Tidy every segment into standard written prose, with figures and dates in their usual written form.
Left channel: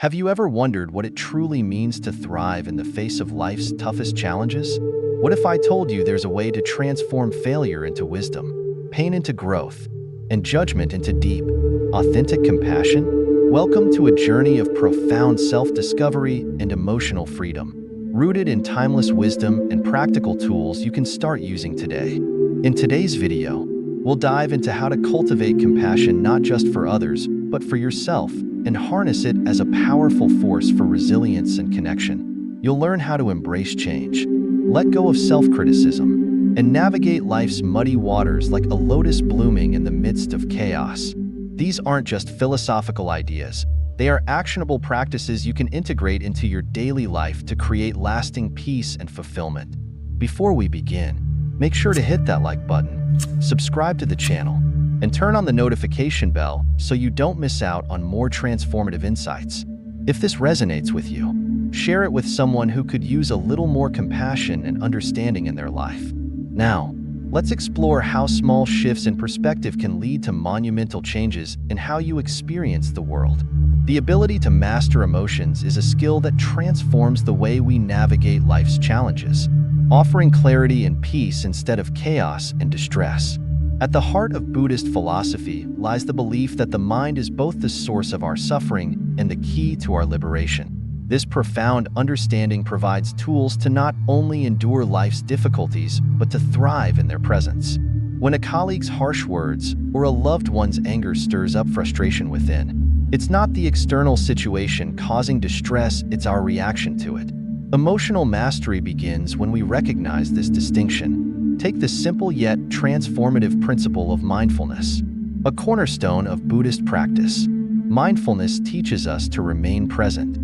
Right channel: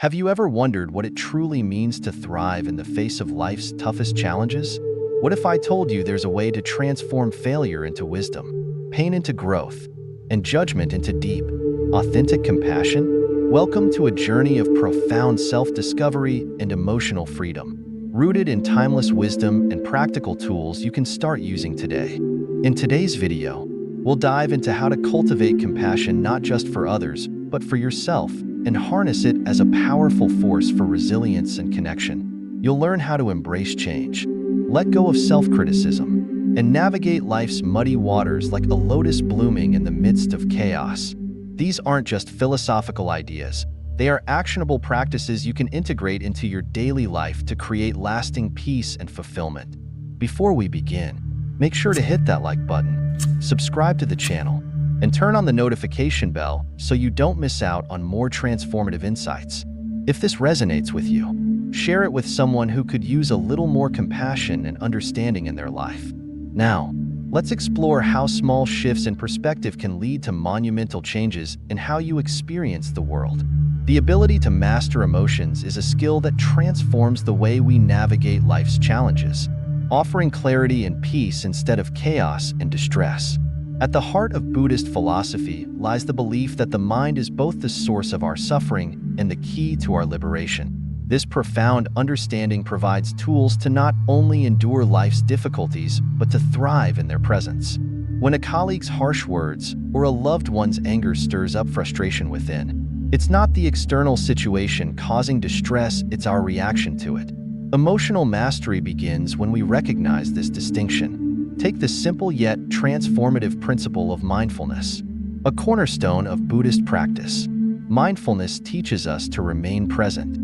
Have you ever wondered what it truly means to thrive in the face of life's toughest challenges? What if I told you there's a way to transform failure into wisdom, pain into growth, and judgment into deep, authentic compassion? Welcome to a journey of profound self-discovery and emotional freedom, rooted in timeless wisdom and practical tools you can start using today. In today's video, we'll dive into how to cultivate compassion not just for others, but for yourself, and harness it as a powerful force for resilience and connection. You'll learn how to embrace change, let go of self-criticism, and navigate life's muddy waters like a lotus blooming in the midst of chaos. These aren't just philosophical ideas. They are actionable practices you can integrate into your daily life to create lasting peace and fulfillment. Before we begin, make sure to hit that like button, subscribe to the channel, and turn on the notification bell so you don't miss out on more transformative insights. If this resonates with you, share it with someone who could use a little more compassion and understanding in their life. Now, let's explore how small shifts in perspective can lead to monumental changes in how you experience the world. The ability to master emotions is a skill that transforms the way we navigate life's challenges, offering clarity and peace instead of chaos and distress. At the heart of Buddhist philosophy lies the belief that the mind is both the source of our suffering and the key to our liberation. This profound understanding provides tools to not only endure life's difficulties, but to thrive in their presence. When a colleague's harsh words or a loved one's anger stirs up frustration within, it's not the external situation causing distress, it's our reaction to it. Emotional mastery begins when we recognize this distinction. Take the simple yet transformative principle of mindfulness, a cornerstone of Buddhist practice. Mindfulness teaches us to remain present,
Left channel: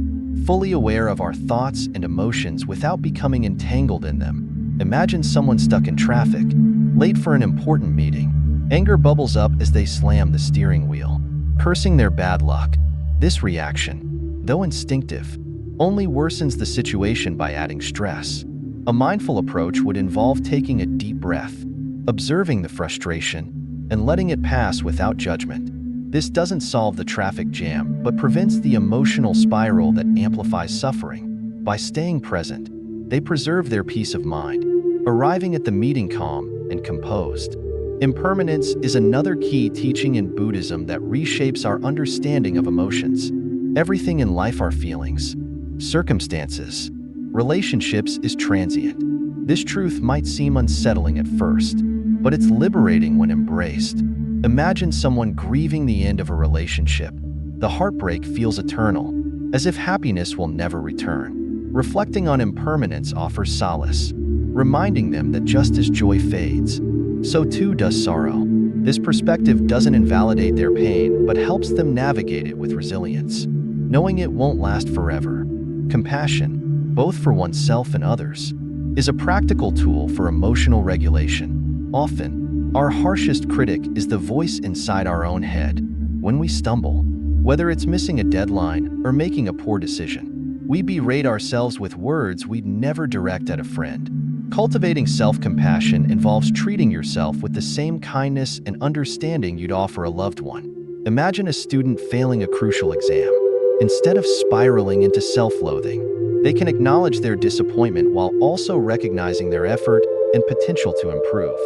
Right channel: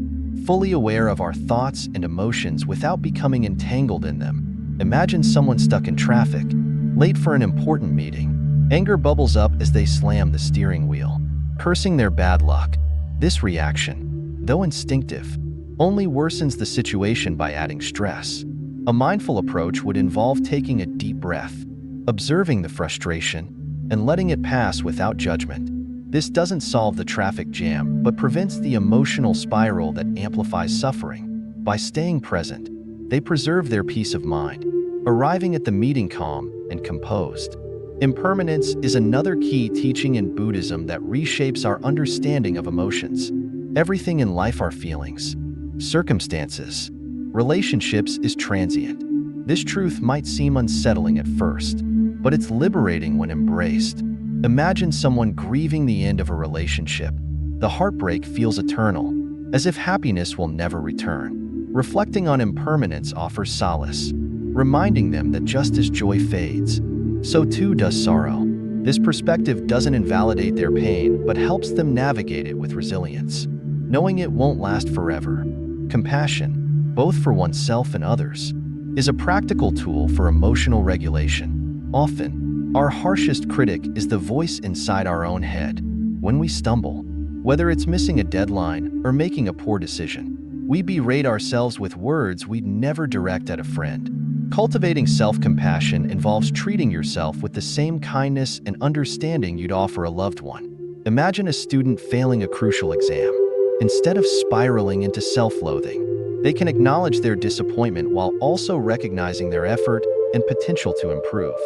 fully aware of our thoughts and emotions without becoming entangled in them. Imagine someone stuck in traffic, late for an important meeting. Anger bubbles up as they slam the steering wheel, cursing their bad luck. This reaction, though instinctive, only worsens the situation by adding stress. A mindful approach would involve taking a deep breath, observing the frustration, and letting it pass without judgment. This doesn't solve the traffic jam, but prevents the emotional spiral that amplifies suffering. By staying present, they preserve their peace of mind, arriving at the meeting calm and composed. Impermanence is another key teaching in Buddhism that reshapes our understanding of emotions. Everything in life, our feelings, circumstances, relationships, is transient. This truth might seem unsettling at first, but it's liberating when embraced. Imagine someone grieving the end of a relationship. The heartbreak feels eternal, as if happiness will never return. Reflecting on impermanence offers solace, reminding them that just as joy fades, so too does sorrow. This perspective doesn't invalidate their pain, but helps them navigate it with resilience, knowing it won't last forever. Compassion, both for oneself and others, is a practical tool for emotional regulation. Often, our harshest critic is the voice inside our own head. When we stumble, whether it's missing a deadline or making a poor decision, we berate ourselves with words we'd never direct at a friend. Cultivating self-compassion involves treating yourself with the same kindness and understanding you'd offer a loved one. Imagine a student failing a crucial exam. Instead of spiraling into self-loathing, they can acknowledge their disappointment while also recognizing their effort and potential to improve.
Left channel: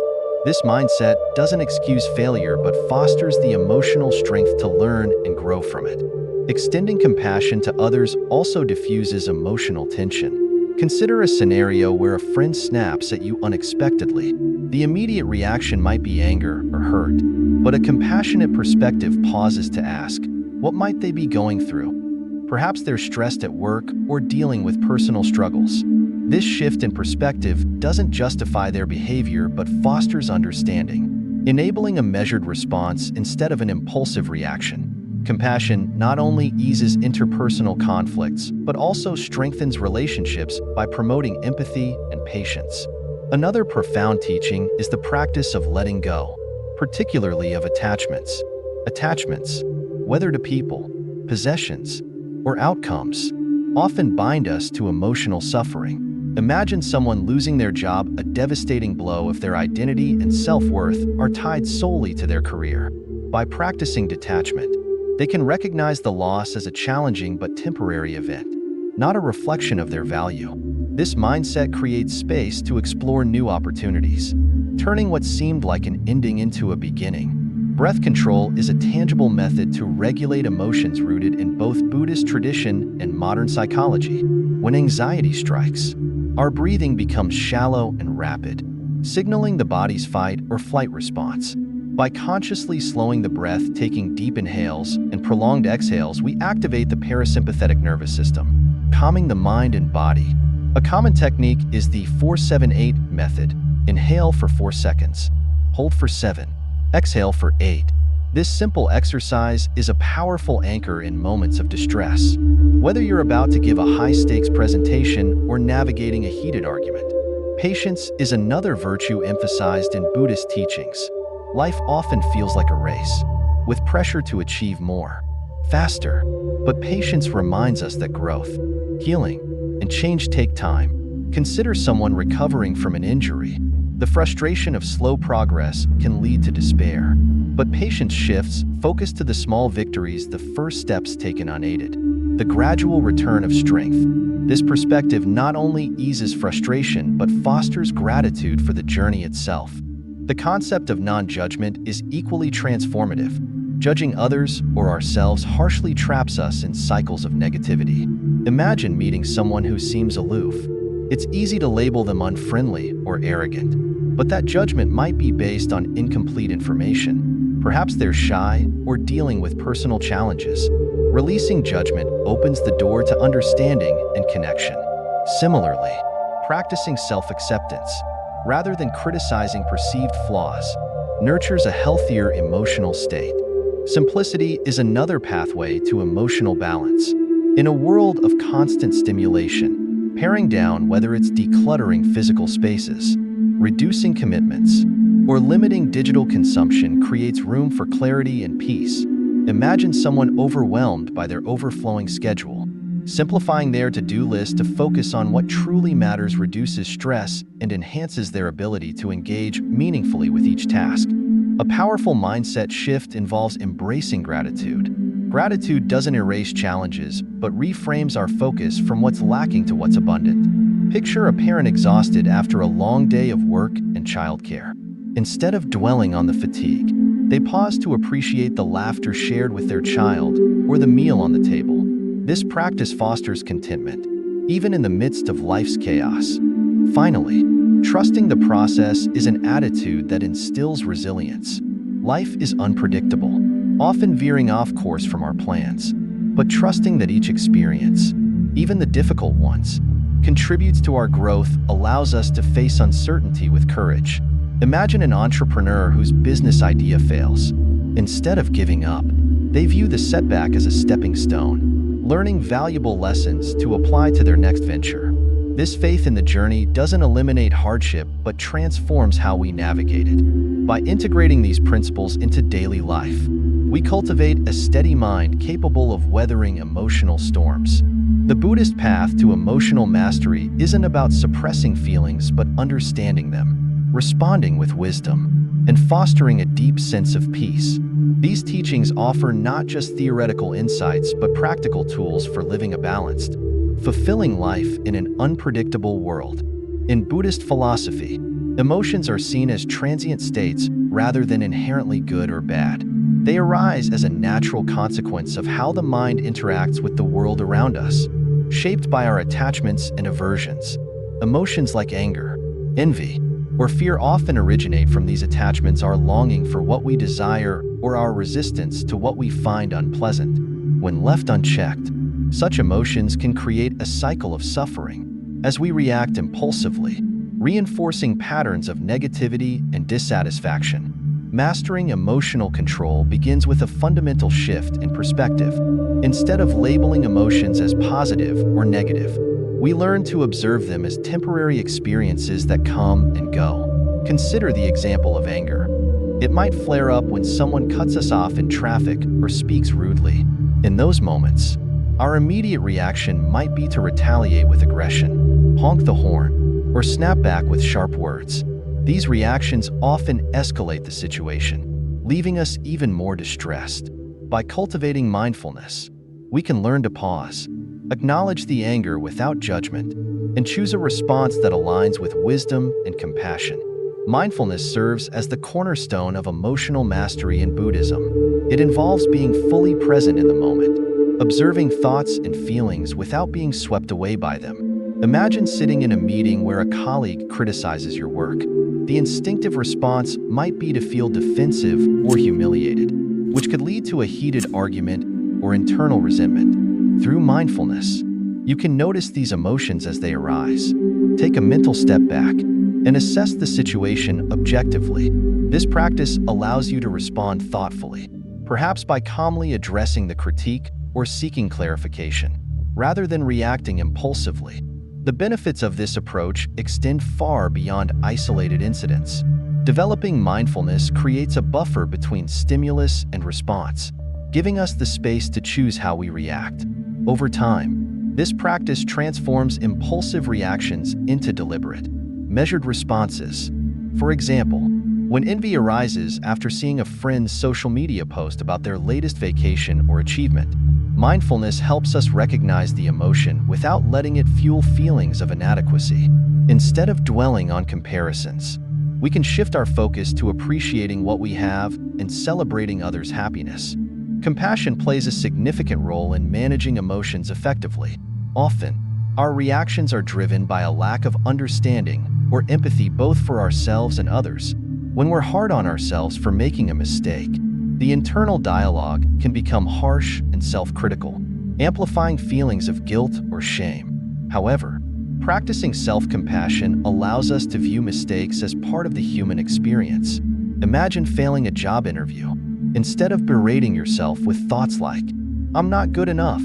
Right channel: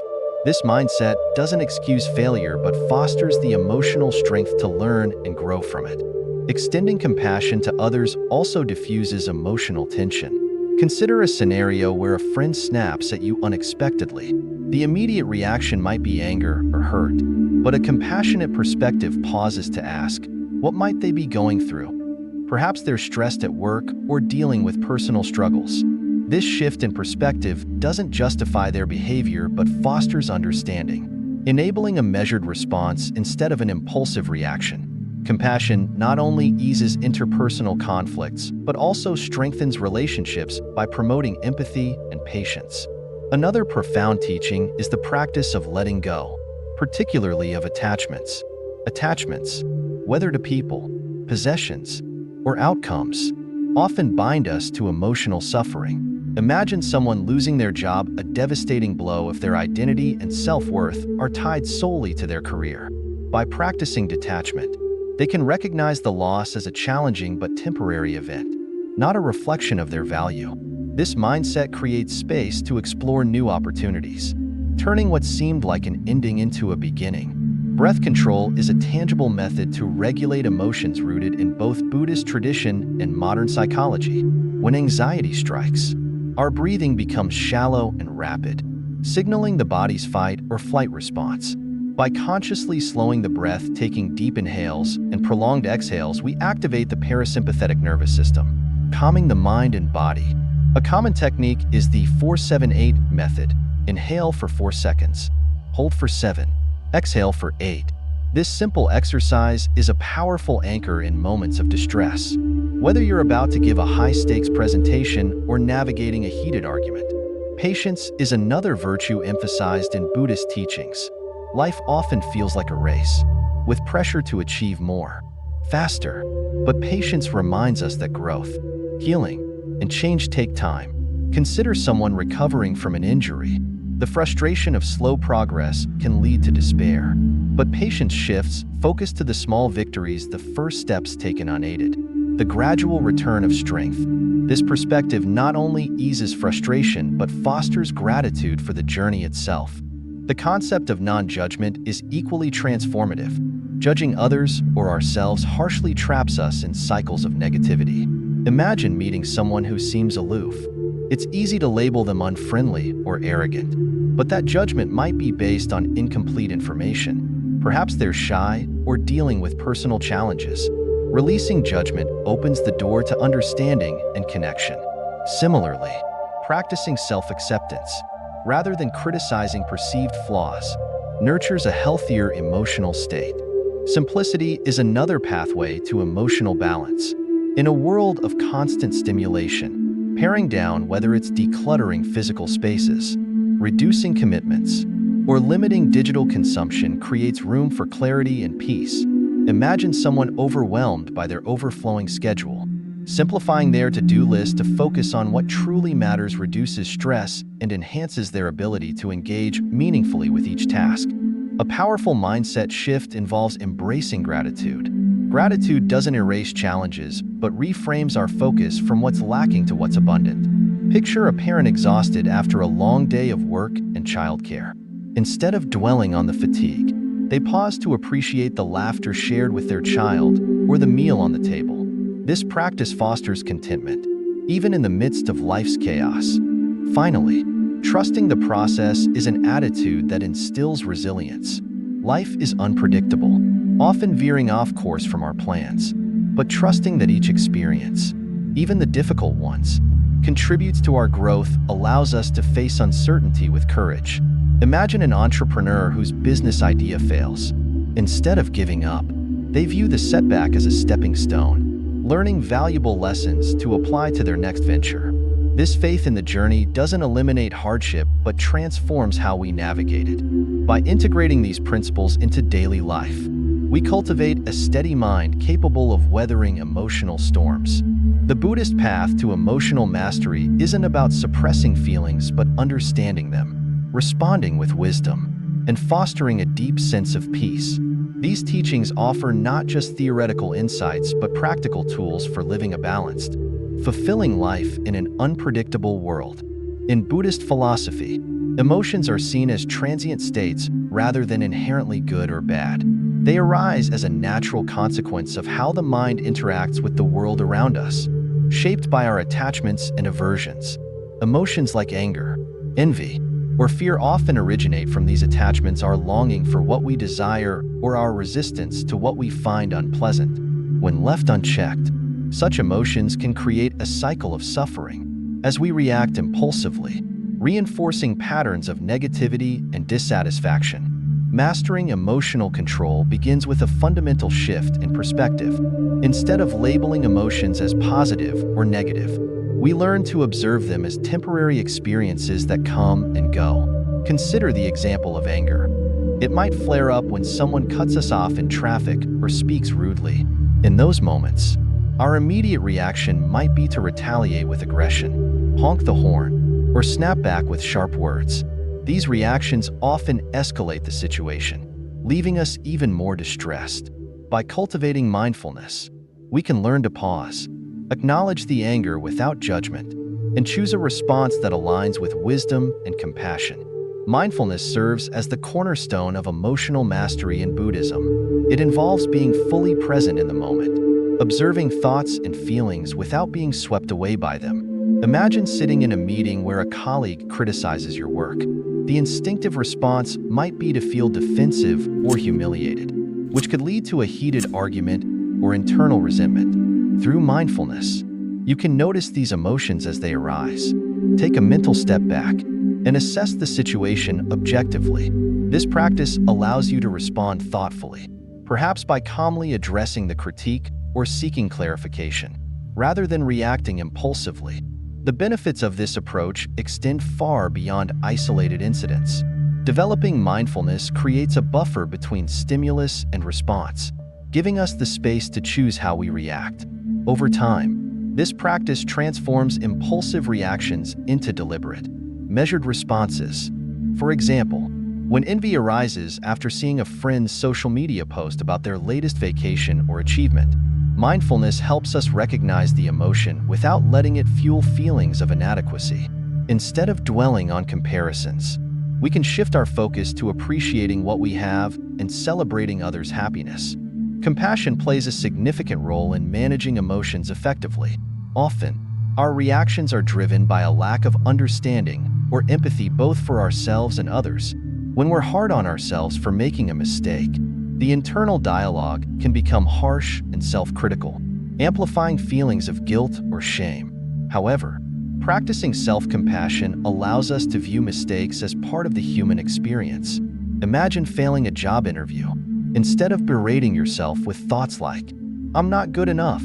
This mindset doesn't excuse failure but fosters the emotional strength to learn and grow from it. Extending compassion to others also diffuses emotional tension. Consider a scenario where a friend snaps at you unexpectedly. The immediate reaction might be anger or hurt, but a compassionate perspective pauses to ask, what might they be going through? Perhaps they're stressed at work or dealing with personal struggles. This shift in perspective doesn't justify their behavior but fosters understanding, enabling a measured response instead of an impulsive reaction. Compassion not only eases interpersonal conflicts but also strengthens relationships by promoting empathy and patience. Another profound teaching is the practice of letting go, particularly of attachments. Attachments, whether to people, possessions, or outcomes, often bind us to emotional suffering. Imagine someone losing their job, a devastating blow if their identity and self-worth are tied solely to their career. By practicing detachment, They can recognize the loss as a challenging but temporary event, not a reflection of their value. This mindset creates space to explore new opportunities, turning what seemed like an ending into a beginning. Breath control is a tangible method to regulate emotions rooted in both Buddhist tradition and modern psychology. When anxiety strikes, our breathing becomes shallow and rapid, signaling the body's fight or flight response. By consciously slowing the breath, taking deep inhales and prolonged exhales, we activate the parasympathetic nervous system, calming the mind and body. A common technique is the 4-7-8 method. Inhale for 4 seconds, hold for 7, exhale for 8. This simple exercise is a powerful anchor in moments of distress. Whether you're about to give a high-stakes presentation or navigating a heated argument, patience is another virtue emphasized in Buddhist teachings. Life often feels like a race, with pressure to achieve more, faster. But patience reminds us that growth, healing, and change take time. Consider someone recovering from an injury. The frustration of slow progress can lead to despair. But patience shifts focus to the small victories, the first steps taken unaided, the gradual return of strength. This perspective not only eases frustration but fosters gratitude for the journey itself. The concept of non-judgment is equally transformative. Judging others or ourselves harshly traps us in cycles of negativity. Imagine meeting someone who seems aloof. It's easy to label them unfriendly or arrogant, but that judgment might be based on incomplete information. Perhaps they're shy or dealing with personal challenges. Releasing judgment opens the door to understanding and connection. Similarly, practicing self-acceptance, rather than criticizing perceived flaws, nurtures a healthier emotional state. Simplicity is another pathway to emotional balance. In a world of constant stimulation, paring down, whether it's decluttering physical spaces, reducing commitments, or limiting digital consumption, creates room for clarity and peace. Imagine someone overwhelmed by their overflowing schedule. Simplifying their to-do list to focus on what truly matters reduces stress and enhances their ability to engage meaningfully with each task. A powerful mindset shift involves embracing gratitude. Gratitude doesn't erase challenges, but reframes our focus from what's lacking to what's abundant. Picture a parent exhausted after a long day of work and childcare. Instead of dwelling on the fatigue, they pause to appreciate the laughter shared with their child or the meal on the table. This practice fosters contentment, even in the midst of life's chaos. Finally, trusting the process is an attitude that instills resilience. Life is unpredictable, often veering off course from our plans, but trusting that each experience, even the difficult ones, contributes to our growth allows us to face uncertainty with courage. Imagine an entrepreneur whose business idea fails. Instead of giving up, they view the setback as a stepping stone, learning valuable lessons to apply to their next venture. This faith in the journey doesn't eliminate hardship but transforms how we navigate it. By integrating these principles into daily life, we cultivate a steady mind capable of weathering emotional storms. The Buddhist path to emotional mastery isn't about suppressing feelings but understanding them, responding with wisdom, and fostering a deep sense of peace. These teachings offer not just theoretical insights but practical tools for living a balanced, fulfilling life in an unpredictable world. In Buddhist philosophy, emotions are seen as transient states rather than inherently good or bad. They arise as a natural consequence of how the mind interacts with the world around us, shaped by our attachments and aversions. Emotions like anger, envy, or fear often originate from these attachments, our longing for what we desire or our resistance to what we find unpleasant. When left unchecked, such emotions can create a cycle of suffering as we react impulsively, reinforcing patterns of negativity and dissatisfaction. Mastering emotional control begins with a fundamental shift in perspective. Instead of labeling emotions as positive or negative, we learn to observe them as temporary experiences that come and go. Consider the example of anger. It might flare up when someone cuts us off in traffic or speaks rudely. In those moments, our immediate reaction might be to retaliate with aggression, honk the horn, or snap back with sharp words. These reactions often escalate the situation, leaving us even more distressed. By cultivating mindfulness, we can learn to pause, acknowledge the anger without judgment, and choose a response that aligns with wisdom and compassion. Mindfulness serves as the cornerstone of emotional mastery in Buddhism. It involves being fully present in the moment, observing thoughts and feelings without being swept away by them. Imagine sitting in a meeting where a colleague criticizes your work. The instinctive response might be to feel defensive or humiliated, which could lead to a heated argument or internal resentment. Through mindfulness, you can notice these emotions as they arise. Take a mental step back and assess the situation objectively. This practice allows you to respond thoughtfully, perhaps by calmly addressing the critique or seeking clarification, rather than reacting impulsively. The benefits of this approach extend far beyond isolated incidents. Developing mindfulness creates a buffer between stimulus and response, giving us the space to choose how we react. Over time, this practice transforms impulsive reactions into deliberate, measured responses. For example, when envy arises after seeing a friend's social media post about their latest vacation or achievement, mindfulness helps us recognize the emotion without letting it fuel feelings of inadequacy. Instead of dwelling on comparisons, we can shift our focus to appreciating what we have and celebrating others' happiness. Compassion plays a significant role in managing emotions effectively. Often, our reactions are driven by a lack of understanding or empathy both for ourselves and others. When we're hard on ourselves for making a mistake, the internal dialogue can become harsh and self-critical, amplifying feelings of guilt or shame. However, practicing self-compassion allows us to view mistakes as part of the human experience. Imagine failing a job interview. Instead of berating yourself with thoughts like, "I'm not good enough,"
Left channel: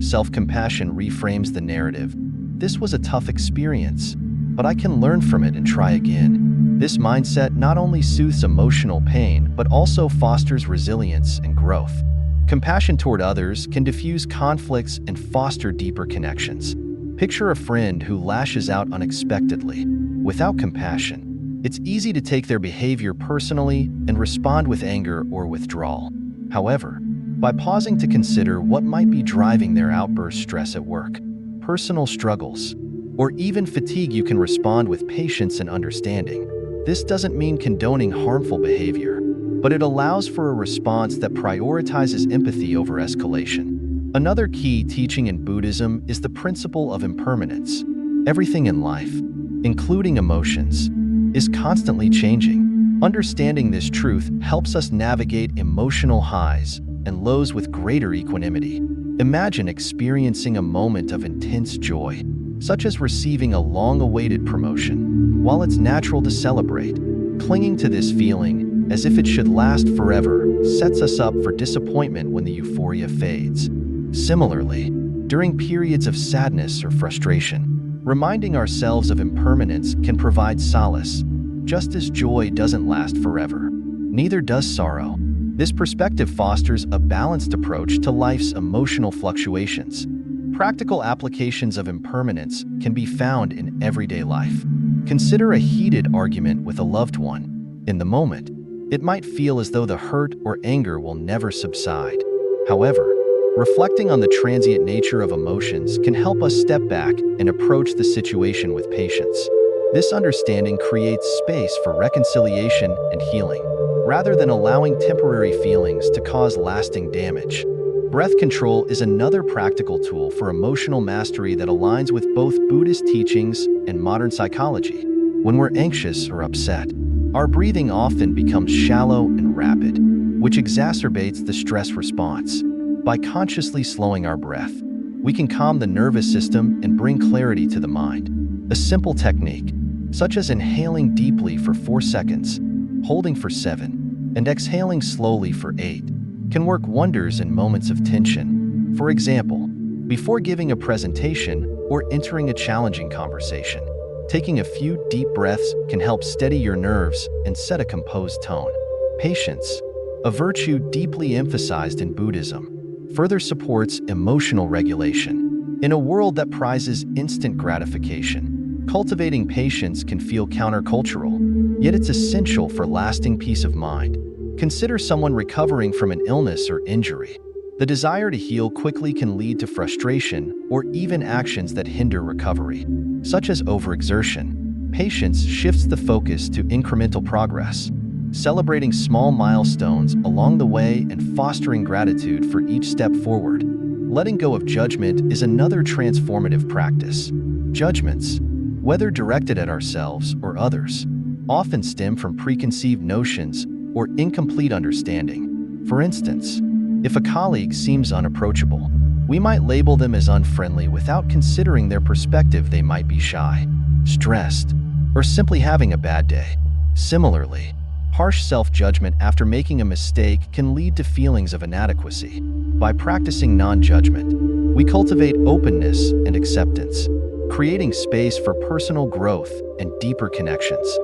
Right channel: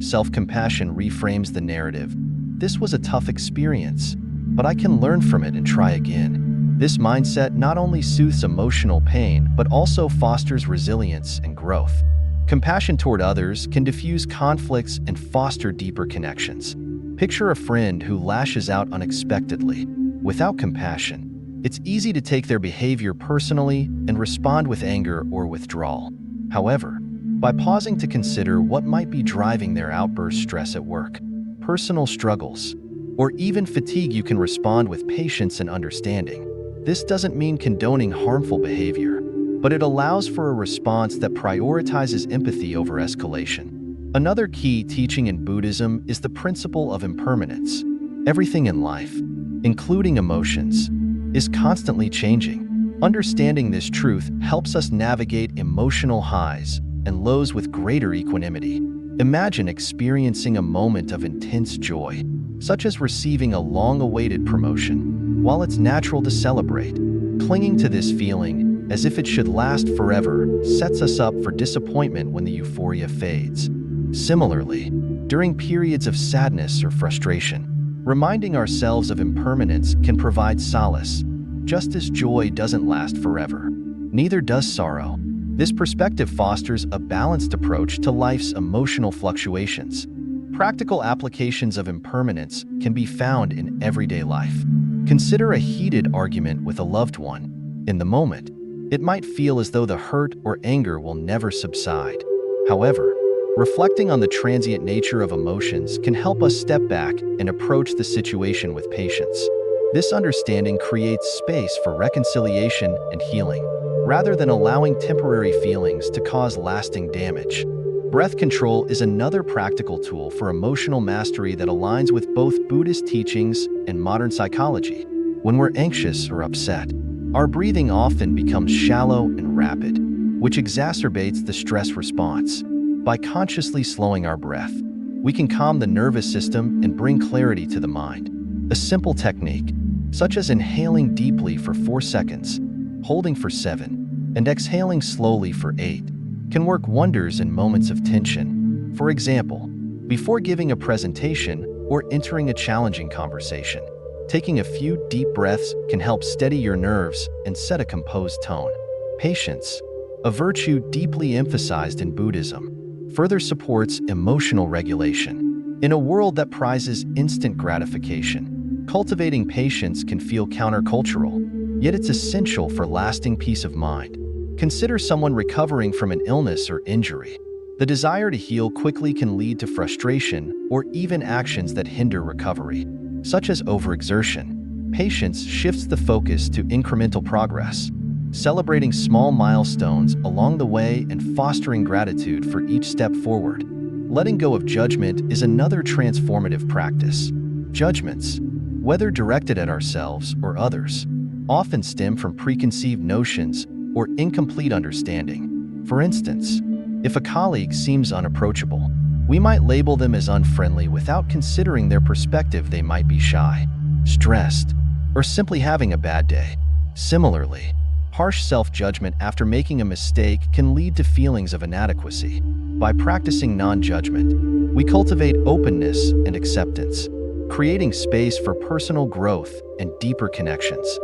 self-compassion reframes the narrative. "This was a tough experience, but I can learn from it and try again." This mindset not only soothes emotional pain, but also fosters resilience and growth. Compassion toward others can diffuse conflicts and foster deeper connections. Picture a friend who lashes out unexpectedly. Without compassion, it's easy to take their behavior personally and respond with anger or withdrawal. However, by pausing to consider what might be driving their outburst, stress at work, personal struggles, or even fatigue, you can respond with patience and understanding. This doesn't mean condoning harmful behavior, but it allows for a response that prioritizes empathy over escalation. Another key teaching in Buddhism is the principle of impermanence. Everything in life, including emotions, is constantly changing. Understanding this truth helps us navigate emotional highs and lows with greater equanimity. Imagine experiencing a moment of intense joy, such as receiving a long-awaited promotion. While it's natural to celebrate, clinging to this feeling as if it should last forever sets us up for disappointment when the euphoria fades. Similarly, during periods of sadness or frustration, reminding ourselves of impermanence can provide solace. Just as joy doesn't last forever, neither does sorrow. This perspective fosters a balanced approach to life's emotional fluctuations. Practical applications of impermanence can be found in everyday life. Consider a heated argument with a loved one. In the moment, it might feel as though the hurt or anger will never subside. However, reflecting on the transient nature of emotions can help us step back and approach the situation with patience. This understanding creates space for reconciliation and healing, rather than allowing temporary feelings to cause lasting damage. Breath control is another practical tool for emotional mastery that aligns with both Buddhist teachings and modern psychology. When we're anxious or upset, our breathing often becomes shallow and rapid, which exacerbates the stress response. By consciously slowing our breath, we can calm the nervous system and bring clarity to the mind. A simple technique, such as inhaling deeply for 4 seconds, holding for 7, and exhaling slowly for 8, can work wonders in moments of tension. For example, before giving a presentation or entering a challenging conversation, taking a few deep breaths can help steady your nerves and set a composed tone. Patience, a virtue deeply emphasized in Buddhism, further supports emotional regulation. In a world that prizes instant gratification, cultivating patience can feel countercultural, yet it's essential for lasting peace of mind. Consider someone recovering from an illness or injury. The desire to heal quickly can lead to frustration or even actions that hinder recovery, such as overexertion. Patience shifts the focus to incremental progress, celebrating small milestones along the way and fostering gratitude for each step forward. Letting go of judgment is another transformative practice. Judgments, whether directed at ourselves or others, often stem from preconceived notions or incomplete understanding. For instance, if a colleague seems unapproachable, we might label them as unfriendly without considering their perspective. They might be shy, stressed, or simply having a bad day. Similarly, harsh self-judgment after making a mistake can lead to feelings of inadequacy. By practicing non-judgment, we cultivate openness and acceptance, creating space for personal growth and deeper connections.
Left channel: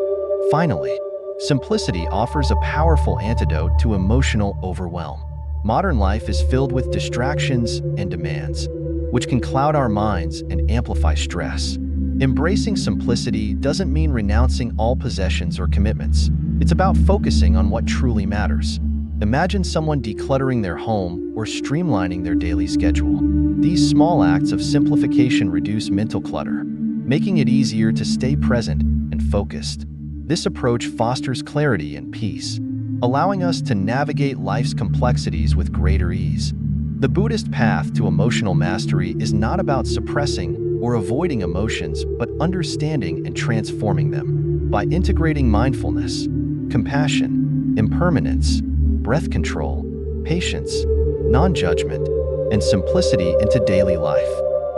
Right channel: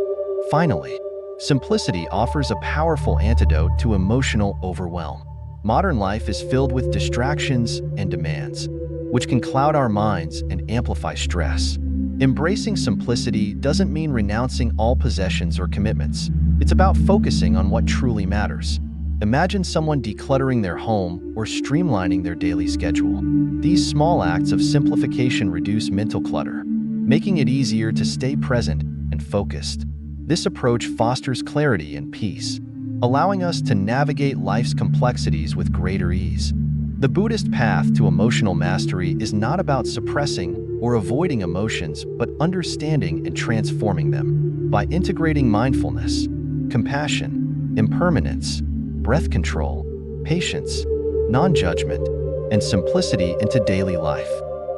Finally, simplicity offers a powerful antidote to emotional overwhelm. Modern life is filled with distractions and demands, which can cloud our minds and amplify stress. Embracing simplicity doesn't mean renouncing all possessions or commitments. It's about focusing on what truly matters. Imagine someone decluttering their home or streamlining their daily schedule. These small acts of simplification reduce mental clutter, making it easier to stay present and focused. This approach fosters clarity and peace, allowing us to navigate life's complexities with greater ease. The Buddhist path to emotional mastery is not about suppressing or avoiding emotions, but understanding and transforming them. By integrating mindfulness, compassion, impermanence, breath control, patience, non-judgment, and simplicity into daily life,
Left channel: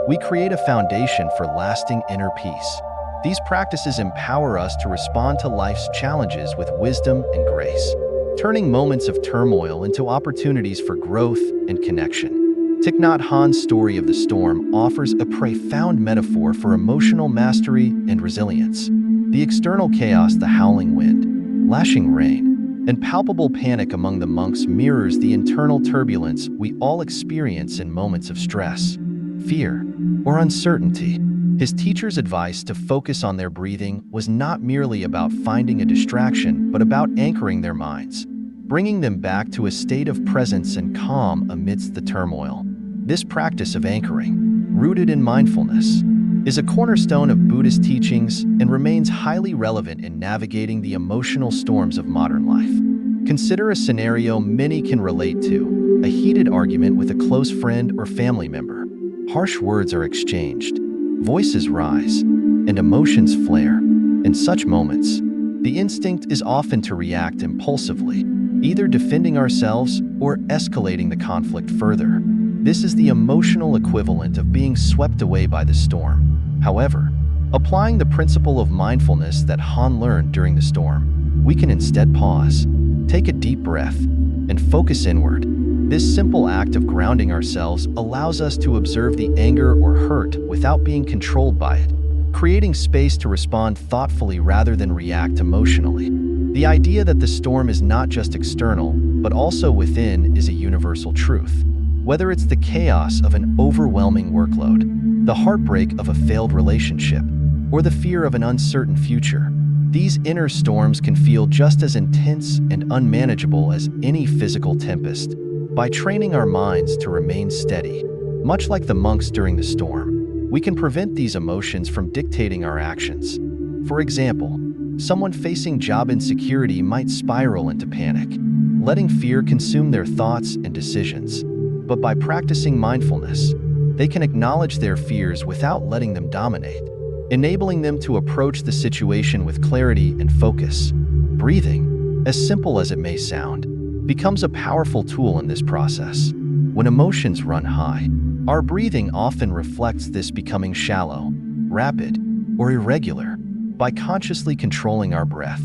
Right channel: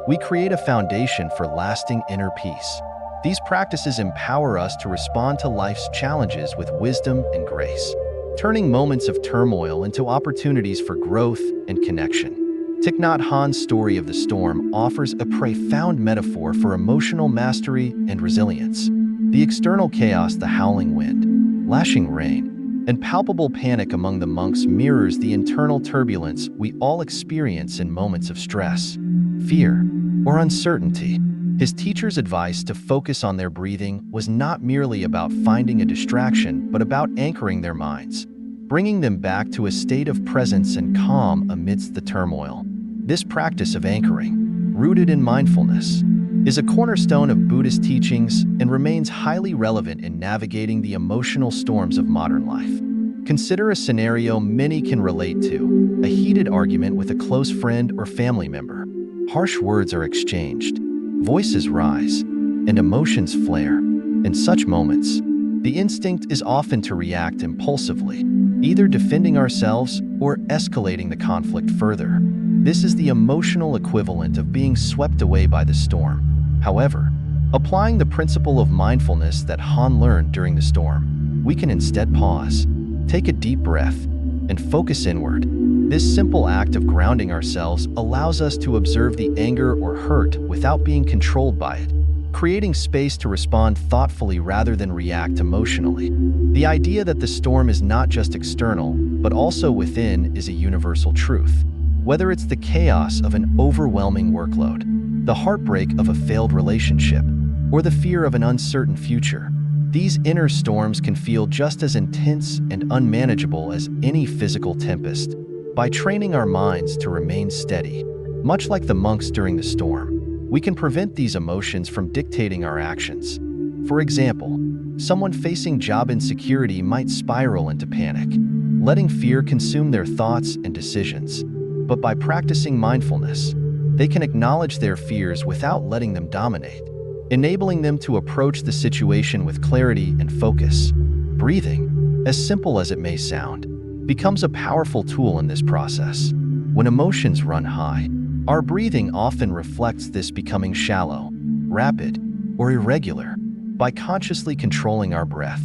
we create a foundation for lasting inner peace. These practices empower us to respond to life's challenges with wisdom and grace, turning moments of turmoil into opportunities for growth and connection. Thich Nhat Hanh's story of the storm offers a profound metaphor for emotional mastery and resilience. The external chaos, the howling wind, lashing rain, and palpable panic among the monks mirrors the internal turbulence we all experience in moments of stress, fear, or uncertainty. His teacher's advice to focus on their breathing was not merely about finding a distraction, but about anchoring their minds, bringing them back to a state of presence and calm amidst the turmoil. This practice of anchoring, rooted in mindfulness, is a cornerstone of Buddhist teachings and remains highly relevant in navigating the emotional storms of modern life. Consider a scenario many can relate to: a heated argument with a close friend or family member. Harsh words are exchanged, voices rise, and emotions flare. In such moments, the instinct is often to react impulsively, either defending ourselves or escalating the conflict further. This is the emotional equivalent of being swept away by the storm. However, applying the principle of mindfulness that Han learned during the storm, we can instead pause, take a deep breath, and focus inward. This simple act of grounding ourselves allows us to observe the anger or hurt without being controlled by it, creating space to respond thoughtfully rather than react emotionally. The idea that the storm is not just external, but also within is a universal truth. Whether it's the chaos of an overwhelming workload, the heartbreak of a failed relationship, or the fear of an uncertain future, these inner storms can feel just as intense and unmanageable as any physical tempest. By training our minds to remain steady, much like the monks during the storm, we can prevent these emotions from dictating our actions. For example, someone facing job insecurity might spiral into panic, letting fear consume their thoughts and decisions. But by practicing mindfulness, they can acknowledge their fears without letting them dominate, enabling them to approach the situation with clarity and focus. Breathing, as simple as it may sound, becomes a powerful tool in this process. When emotions run high, our breathing often reflects this, becoming shallow, rapid, or irregular. By consciously controlling our breath,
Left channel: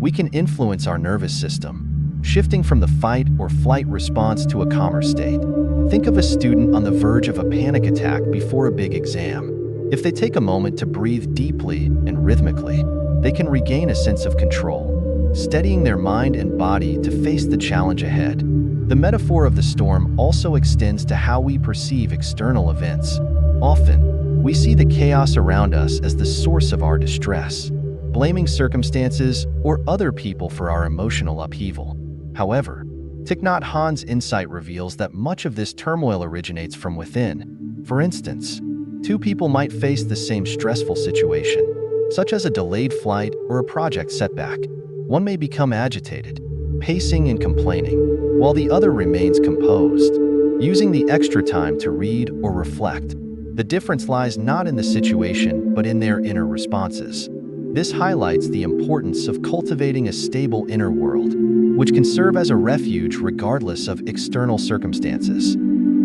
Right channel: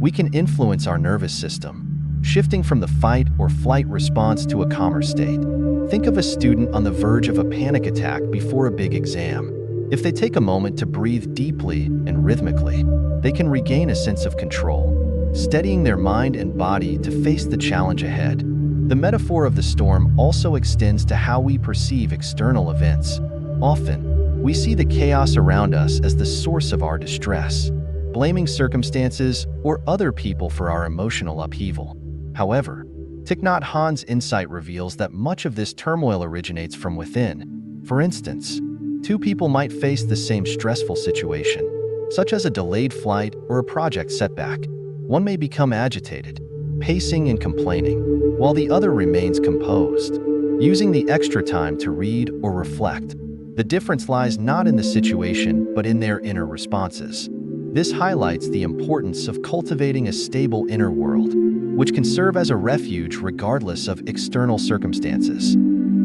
we can influence our nervous system, shifting from the fight or flight response to a calmer state. Think of a student on the verge of a panic attack before a big exam. If they take a moment to breathe deeply and rhythmically, they can regain a sense of control, steadying their mind and body to face the challenge ahead. The metaphor of the storm also extends to how we perceive external events. Often, we see the chaos around us as the source of our distress, blaming circumstances or other people for our emotional upheaval. However, Thich Nhat Hanh's insight reveals that much of this turmoil originates from within. For instance, two people might face the same stressful situation, such as a delayed flight or a project setback. One may become agitated, pacing and complaining, while the other remains composed, using the extra time to read or reflect. The difference lies not in the situation, but in their inner responses. This highlights the importance of cultivating a stable inner world, which can serve as a refuge regardless of external circumstances.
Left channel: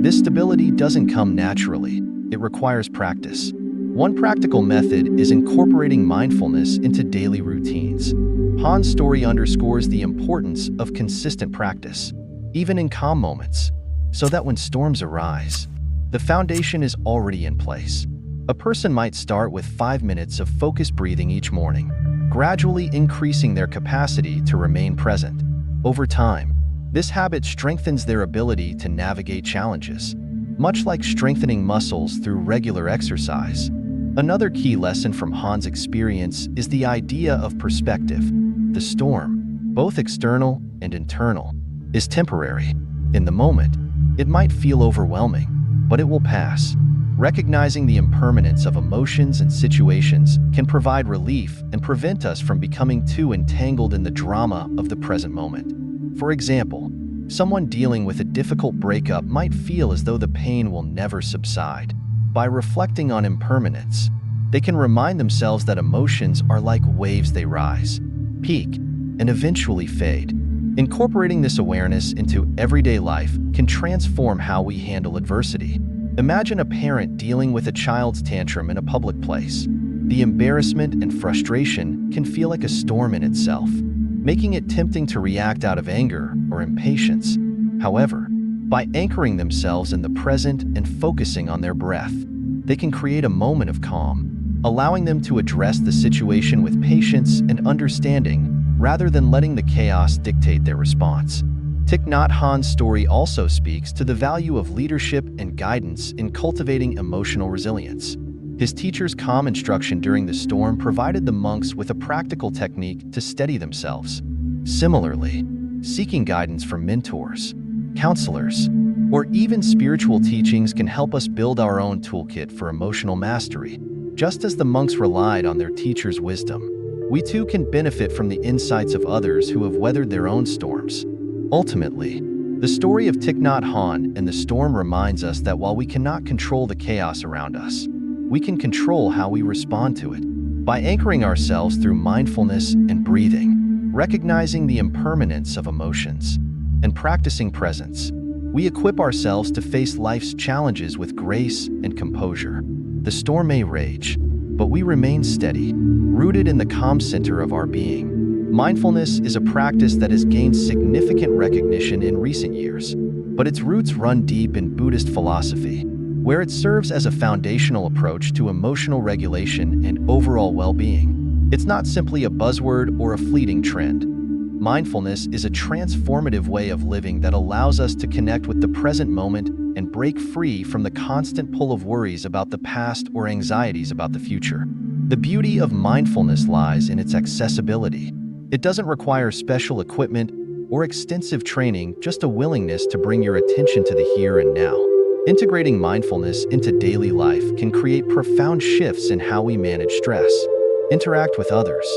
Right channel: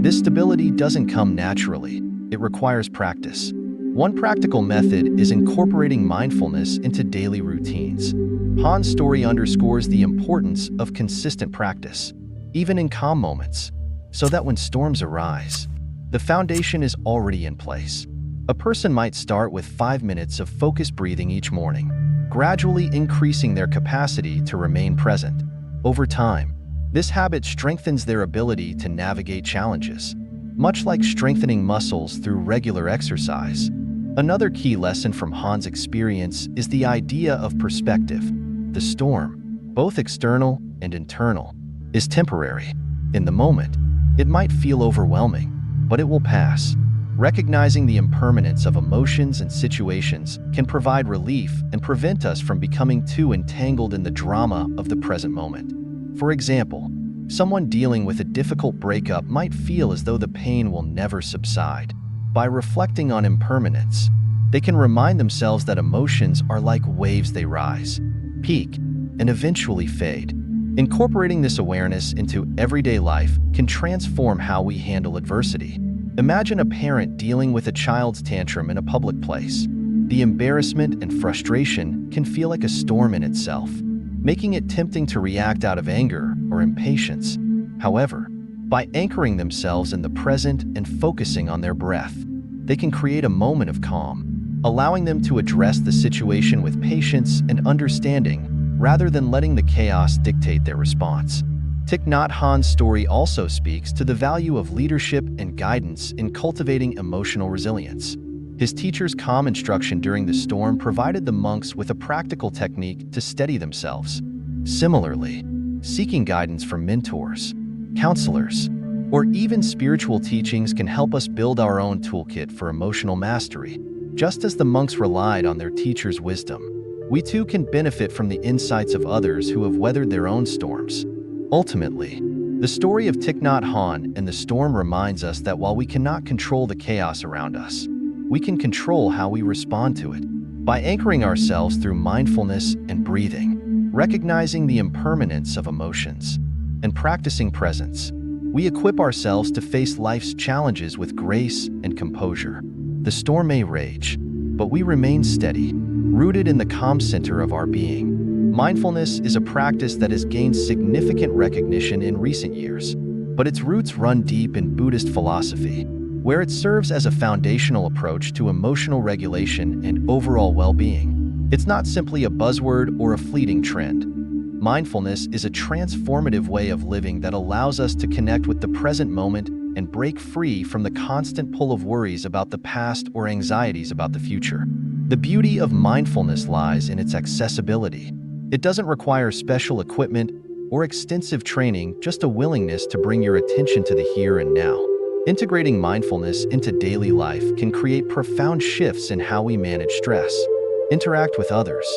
This stability doesn't come naturally, it requires practice. One practical method is incorporating mindfulness into daily routines. Han's story underscores the importance of consistent practice, even in calm moments, so that when storms arise, the foundation is already in place. A person might start with 5 minutes of focused breathing each morning, gradually increasing their capacity to remain present. Over time, this habit strengthens their ability to navigate challenges, much like strengthening muscles through regular exercise. Another key lesson from Han's experience is the idea of perspective. The storm, both external and internal, is temporary. In the moment, it might feel overwhelming, but it will pass. Recognizing the impermanence of emotions and situations can provide relief and prevent us from becoming too entangled in the drama of the present moment. For example, someone dealing with a difficult breakup might feel as though the pain will never subside. By reflecting on impermanence, they can remind themselves that emotions are like waves. They rise, peak, and eventually fade. Incorporating this awareness into everyday life can transform how we handle adversity. Imagine a parent dealing with a child's tantrum in a public place. The embarrassment and frustration can feel like a storm in itself, making it tempting to react out of anger or impatience. However, by anchoring themselves in the present and focusing on their breath, they can create a moment of calm, allowing them to address the situation with patience and understanding rather than letting the chaos dictate their response. Thich Nhat Hanh's story also speaks to the value of leadership and guidance in cultivating emotional resilience. His teacher's calm instruction during the storm provided the monks with a practical technique to steady themselves. Similarly, seeking guidance from mentors, counselors, or even spiritual teachings can help us build our own toolkit for emotional mastery. Just as the monks relied on their teacher's wisdom, we too can benefit from the insights of others who have weathered their own storms. Ultimately, the story of Thich Nhat Hanh and the storm reminds us that while we cannot control the chaos around us, we can control how we respond to it. By anchoring ourselves through mindfulness and breathing, recognizing the impermanence of emotions, and practicing presence, we equip ourselves to face life's challenges with grace and composure. The storm may rage, but we remain steady, rooted in the calm center of our being. Mindfulness is a practice that has gained significant recognition in recent years, but its roots run deep in Buddhist philosophy, where it serves as a foundational approach to emotional regulation and overall well-being. It's not simply a buzzword or a fleeting trend. Mindfulness is a transformative way of living that allows us to connect with the present moment and break free from the constant pull of worries about the past or anxieties about the future. The beauty of mindfulness lies in its accessibility. It doesn't require special equipment or extensive training, just a willingness to bring your attention to the here and now. Integrating mindfulness into daily life can create profound shifts in how we manage stress, interact with others,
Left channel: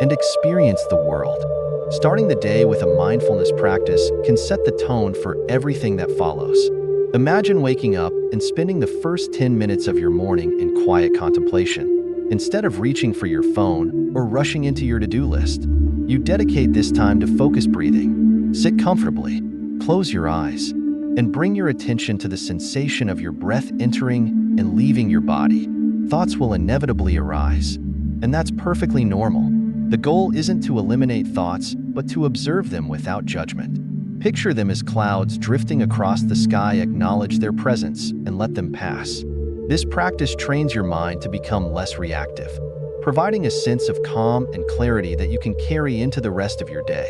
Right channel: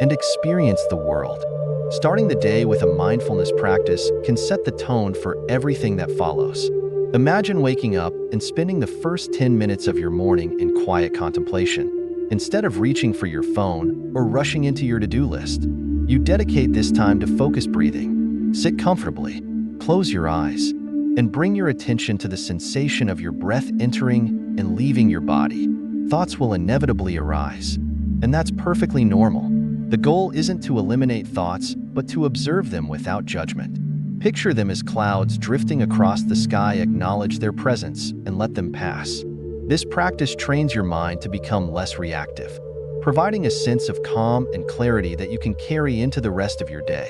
and experience the world. Starting the day with a mindfulness practice can set the tone for everything that follows. Imagine waking up and spending the first 10 minutes of your morning in quiet contemplation. Instead of reaching for your phone or rushing into your to-do list, you dedicate this time to focused breathing. Sit comfortably, close your eyes, and bring your attention to the sensation of your breath entering and leaving your body. Thoughts will inevitably arise, and that's perfectly normal. The goal isn't to eliminate thoughts, but to observe them without judgment. Picture them as clouds drifting across the sky. Acknowledge their presence and let them pass. This practice trains your mind to become less reactive, providing a sense of calm and clarity that you can carry into the rest of your day.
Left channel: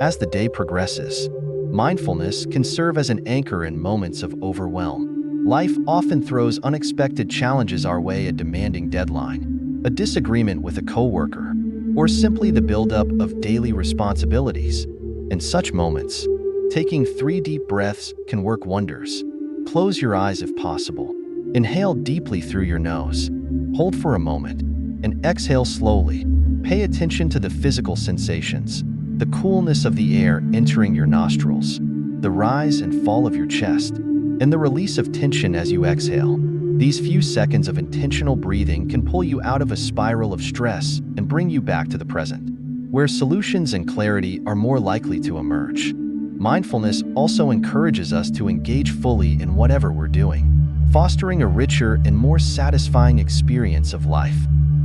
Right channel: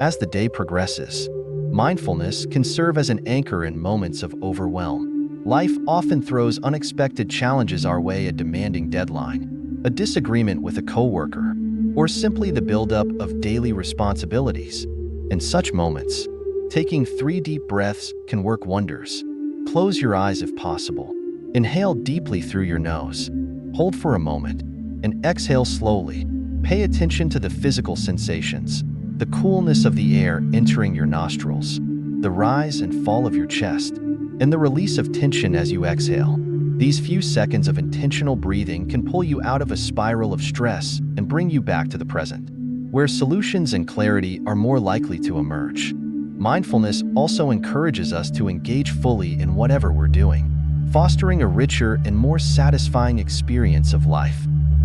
As the day progresses, mindfulness can serve as an anchor in moments of overwhelm. Life often throws unexpected challenges our way: a demanding deadline, a disagreement with a coworker, or simply the buildup of daily responsibilities. In such moments, taking 3 deep breaths can work wonders. Close your eyes if possible. Inhale deeply through your nose. Hold for a moment, and exhale slowly. Pay attention to the physical sensations, the coolness of the air entering your nostrils, the rise and fall of your chest, and the release of tension as you exhale. These few seconds of intentional breathing can pull you out of a spiral of stress and bring you back to the present, where solutions and clarity are more likely to emerge. Mindfulness also encourages us to engage fully in whatever we're doing, fostering a richer and more satisfying experience of life.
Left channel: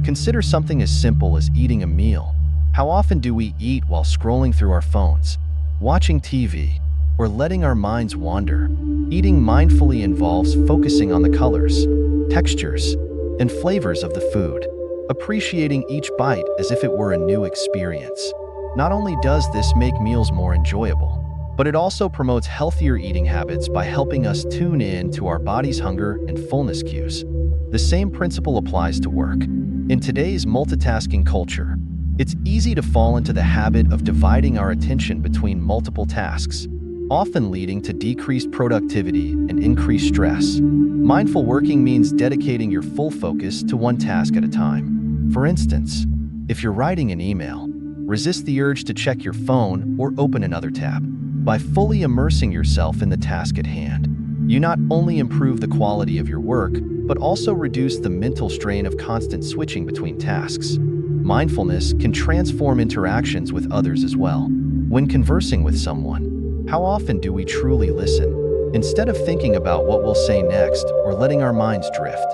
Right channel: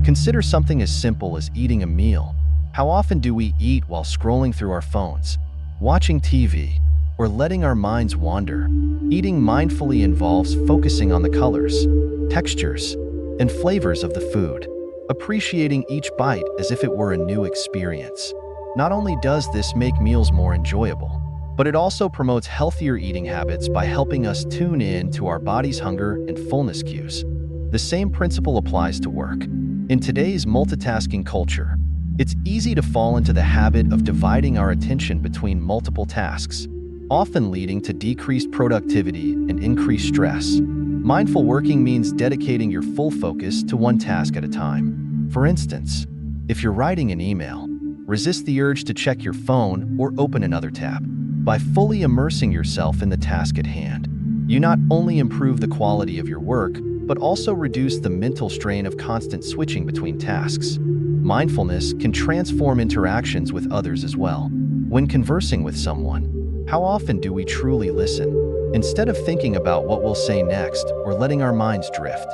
Consider something as simple as eating a meal. How often do we eat while scrolling through our phones, watching TV, or letting our minds wander? Eating mindfully involves focusing on the colors, textures, and flavors of the food, appreciating each bite as if it were a new experience. Not only does this make meals more enjoyable, but it also promotes healthier eating habits by helping us tune in to our body's hunger and fullness cues. The same principle applies to work. In today's multitasking culture, it's easy to fall into the habit of dividing our attention between multiple tasks, often leading to decreased productivity and increased stress. Mindful working means dedicating your full focus to one task at a time. For instance, if you're writing an email, resist the urge to check your phone or open another tab. By fully immersing yourself in the task at hand, you not only improve the quality of your work, but also reduce the mental strain of constant switching between tasks. Mindfulness can transform interactions with others as well. When conversing with someone, how often do we truly listen, instead of thinking about what we'll say next or letting our minds drift?